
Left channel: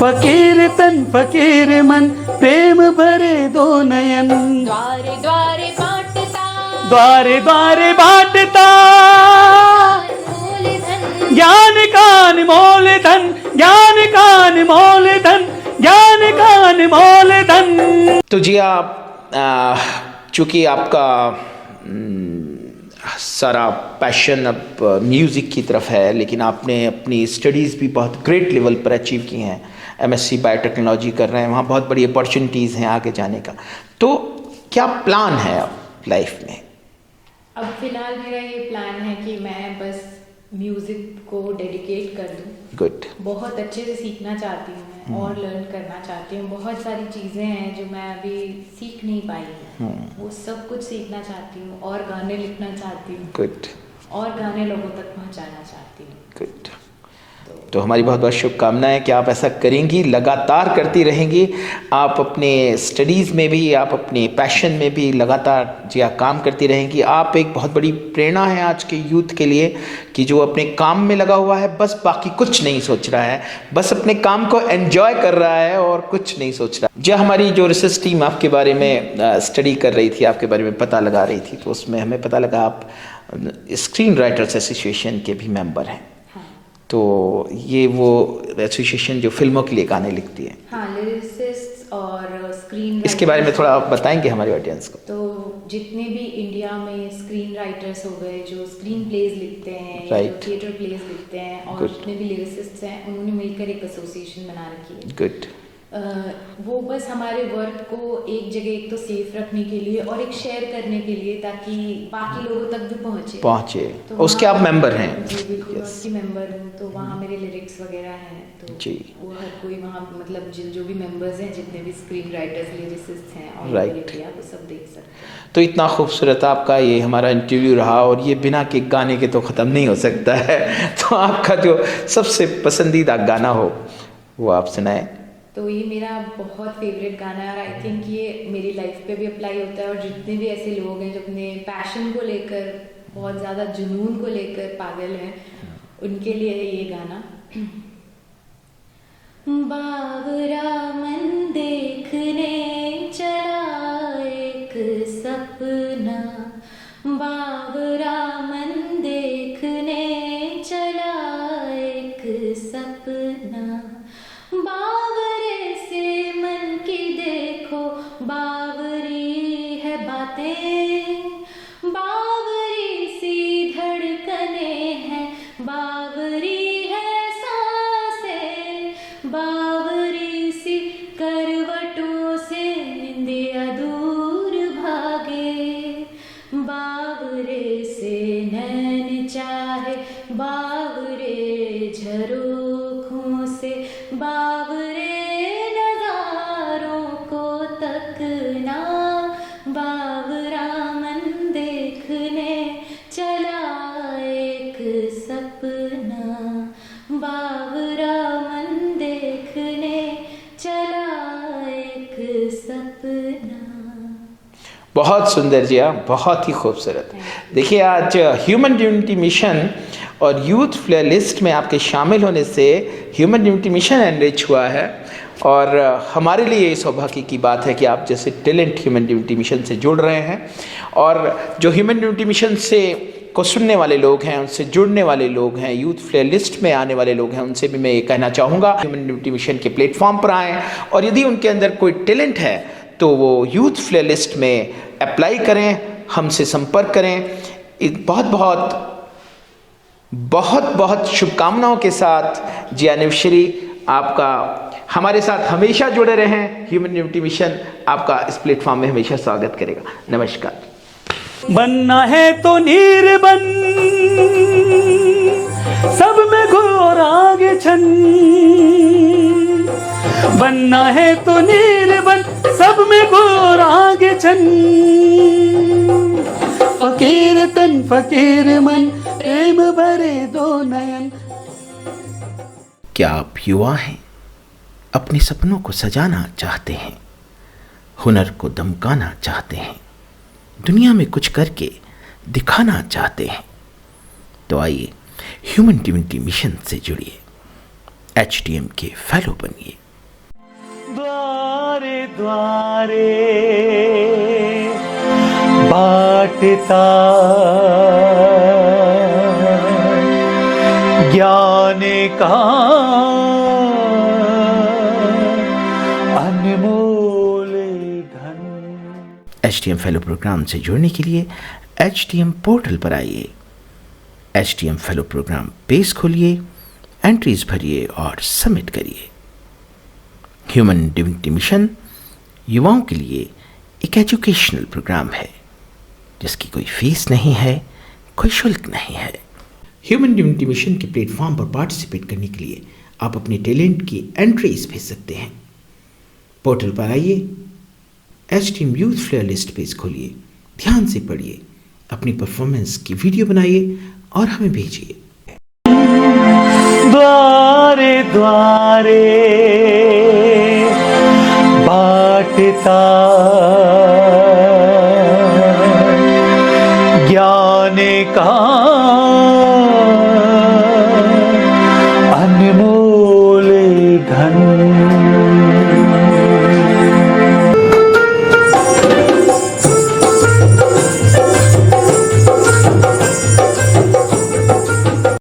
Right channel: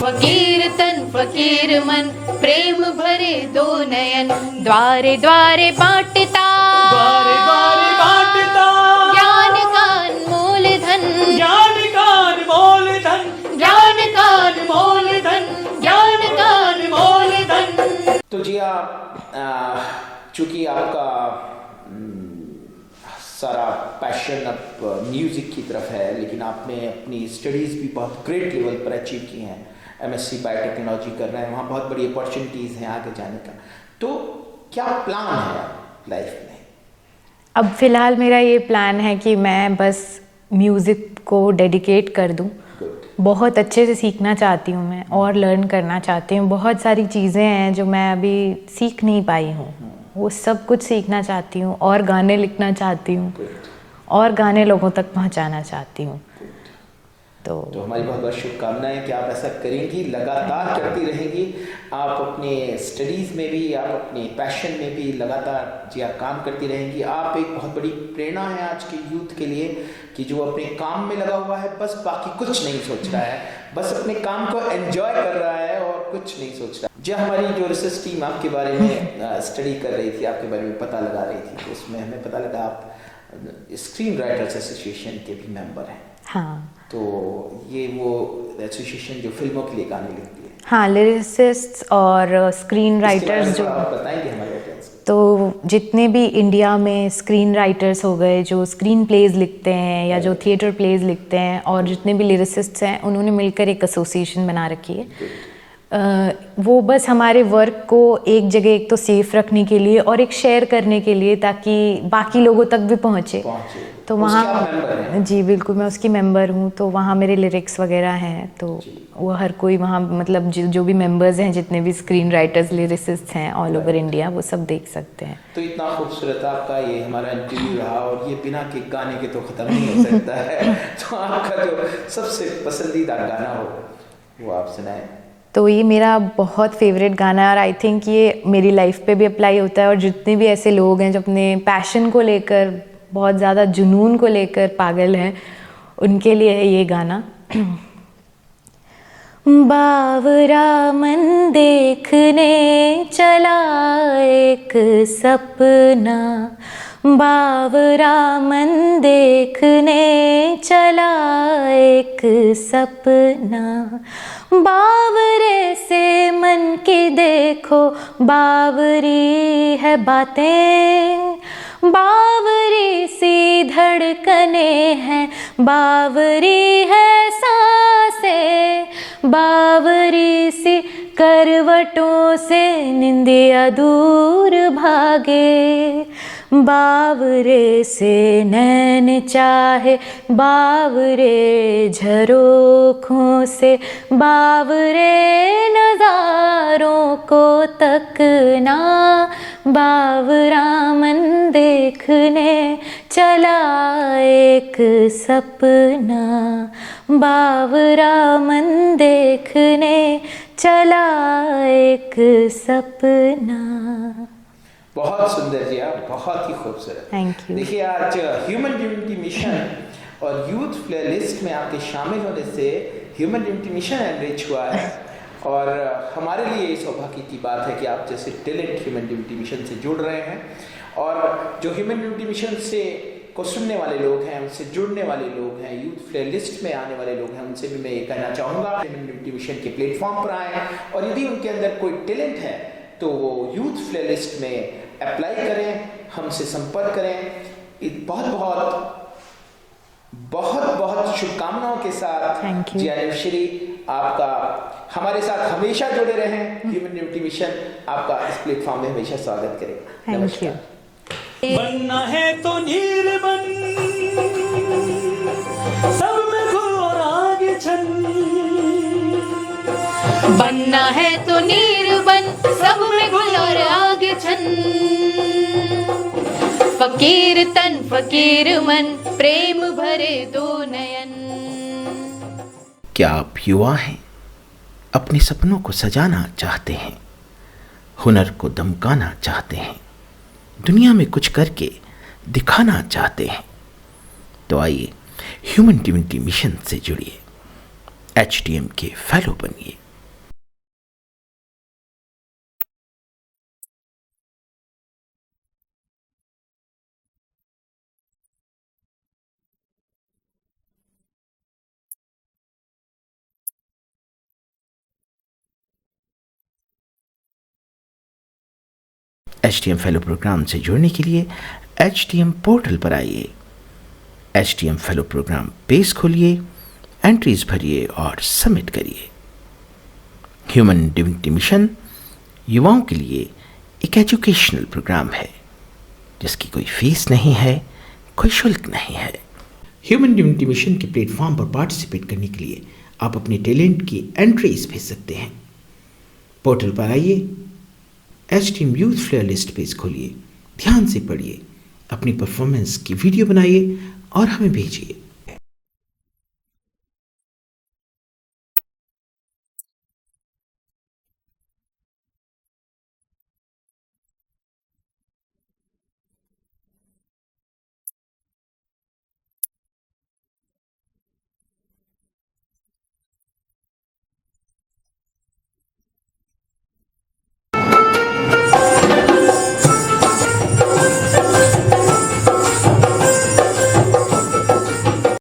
फकीर तन फकीर मन प्रेम भरे दो नयन। द्वारे द्वारे बांटता, द्वारे द्वारे बांटता, ज्ञान का अनमोल धन, ज्ञान का अनमोल धन, ज्ञान का अनमोल धन, ज्ञान का अनमोल धन। तो जी आप चूँकि आपका सारा पैशन अब म्यूज़िक की तरफ है, लेकिन आपने अपनी स्टडीज़ भी बहुत ग्रेट लेवल पर अचीव की हैं, MSc बायोटेक्नोलॉजी कर रहे हैं, वहाँ बहुत बड़ी अपॉर्चुनिटीज़ हैं आगे जाने का। तो क्या प्लान है अब लाइफ में? अब फिलहाल मेरा ये प्लान है कि मैं बस म्यूज़िक को डेडिकेट कर दूं। गुड। बहुत अच्छे से सीखना चाहती हूँ मैं, और लर्न करना चाहती हूँ। बहुत सारी चीज़ें हैं जो मैं अभी सीख नहीं पाई हूँ, वो सब कुछ सीखना चाहती हूँ, और गाने लिखना चाहती हूँ, गुड। और गाने लोगों तक पहुँचाना चाहती हूँ। गुड। तो हमारी बहुत बहुत शुभकामनाएं कि आप ऐसा करेंगी, लगातार करती रहेंगी। आप अपने स्टडीज़ में भी, आप अपने पैशन में भी लगातार जी काम करती रहेंगी। आप एक बहुत बड़ी प्रेरणा है आज के यूथ के लिए कि जो अपने काम में लगा हुआ है, बस बाकी कुछ नहीं सोच रहा है, बस अपने काम को एंजॉय कर रहा है और कुछ नहीं सोच रहा। जो हमारी जो रिसर्च टीम आपके बारे में स्टडी कर रही थी, आपके बारे में पता लगा रही थी, तो उसमें हमें पता लगा आप स्क्रीन राइटर्स एसोसिएशन के भी मेंबर हैं। हाँ, तो ये वो एसोसिएशन जो फिल्मों के लिए गाने लिखती है। हाँ, लिरिसिस्ट्स और स्क्रीन राइटर्स। इसके बारे में थोड़ा आप बताएंगे हमारे ऑडियंस को? तो जितने भी इंडिया में स्क्रीन राइटर्स हो गए जो स्क्रीन प्लेज लिखते हैं या जो थिएटर प्लेज लिखते हैं, और जितने भी लिरिसिस्ट्स हैं, उन्होंने मिलकर एक एसोसिएशन बना रखी है। गुड। वो बस हमारे वर्क को एक जगह एक तो सेफ रखने के लिए और एक शेयर करने के लिए, ताकि बाकी लोगों तक भी पहुँचे। तो उसके आप मेंबर हैं? जी बिल्कुल, मैं उसकी मेंबर हूँ। तो वहाँ मेरे लिरिक्स वगैरह हैं, तो वो हर कोई वहाँ मतलब जो भी मेंबर्स हैं, जितने भी स्क्रीन राइटर्स लिरिसिस्ट हैं ऑल ओवर इंडिया, वो सब देख सकते हैं। तो इतना खूबसूरत आपका ये हमारा इंटरव्यू रहा, और ये बिना के गाने के तो ख़त्म नहीं हो सकता है। तो आपका जो सबसे पसंदीदा गाना हो वो आप सुनाएं। तो ये मेरा बहुत फेवरेट गाना है, और आई थिंक ये मेरी लाइफ पे भी अप्लाई होता है, और जितने भी ऐसे लोग हैं जो अपने पैशन को लेकर, बहुत ज़्यादा जुनून को लेकर पागल हैं, उनके लिए है ये गाना। बावरा मन देखने चला एक सपना, बावरा मन देखने चला एक सपना, बावरे से मन की देखो बावरी है बातें, बावरी सी धड़कने हैं, बावरी है सांसें, बावरी सी करवटों से निंदिया दूर भागे, बावरे से नैन चाहे बावरे झरोखों से, बावरे नज़ारों को तकना, बावरा मन देखने चला एक सपना, बावरा मन देखने चला एक सपना। बहुत सुंदर जी, आप बहुत ही खूबसूरत। देखिए, आज ह्यूमन डिविनिटी मिशन और यूथ प्लेलिस्ट में आपके शामिल होने से ह्यूमन डिविनिटी मिशन एनरिच हुआ है, और हमारे लिए ये सौभाग्य की बात है कि आप जैसे टैलेंट ह्यूमन डिविनिटी मिशन से जुड़ रहे हैं, और जो ह्यूमन डिविनिटी मिशन से को सुनने वाले लोग हैं, उनसे जुड़ने वाले लोग हैं, यूथ प्लेलिस्ट में आने वाले लोग हैं, उनसे भी मैं ये कहना चाहूँगा ह्यूमन डिविनिटी मिशन के प्लेटफॉर्म पर आएँ, और यदि उनके अंदर कोई टैलेंट है तो वो यूथ प्लेलिस्ट में अप्लाई करें, हमसे संपर्क करें। बहुत शुभकामनाओं के साथ जी एनिवर्सरी आपका हमारे साथ हमेशा जुड़े रहें। ह्यूमन डिविनिटी मिशन आपका इस प्लेटफॉर्म में हमेशा स्वागत करेगा। नमस्कार। बनना है तो निर्बन, सब में घोर आगे छन, बनना है तो निर्बन, सब में घोर आगे छन, फकीर तन फकीर मन, प्रेम भरे दो नयन। क्या आप युवा हैं, अपने सपनों को सजाना चाहते हैं, हुनर को दमकाना चाहते हैं, दुनिया में कुछ करके दिखाना चाहते हैं, तो आइए ह्यूमन डिविनिटी मिशन से जुड़िए, HDM के फेलो बनिए। द्वारे द्वारे बाटता ज्ञान का अनमोल धन। HDM फेलो प्रोग्राम से जुड़ने के लिए HDM पोर्टल पर आइए, HDM फेलो प्रोग्राम पेज खोलिए, एंट्रीज भरिए और सबमिट करिए। ह्यूमन डिविनिटी मिशन युवाओं के लिए एक एजुकेशनल प्रोग्राम है जिसकी कोई फीस नहीं है, कोई शुल्क नहीं है। ह्यूमन डिविनिटी मिशन के प्लेटफॉर्म पर पार्टिसिपेट करने के लिए आप अपने टैलेंट की एंट्रीज भेज सकते हैं। पोर्टल पर आइए, HDM यूथ प्लेलिस्ट पेज खोलिए, ध्यान से पढ़िए, अपनी परफॉर्मेंस की वीडियो बनाइए और हमें भेजिए। द्वारे द्वारे बाटता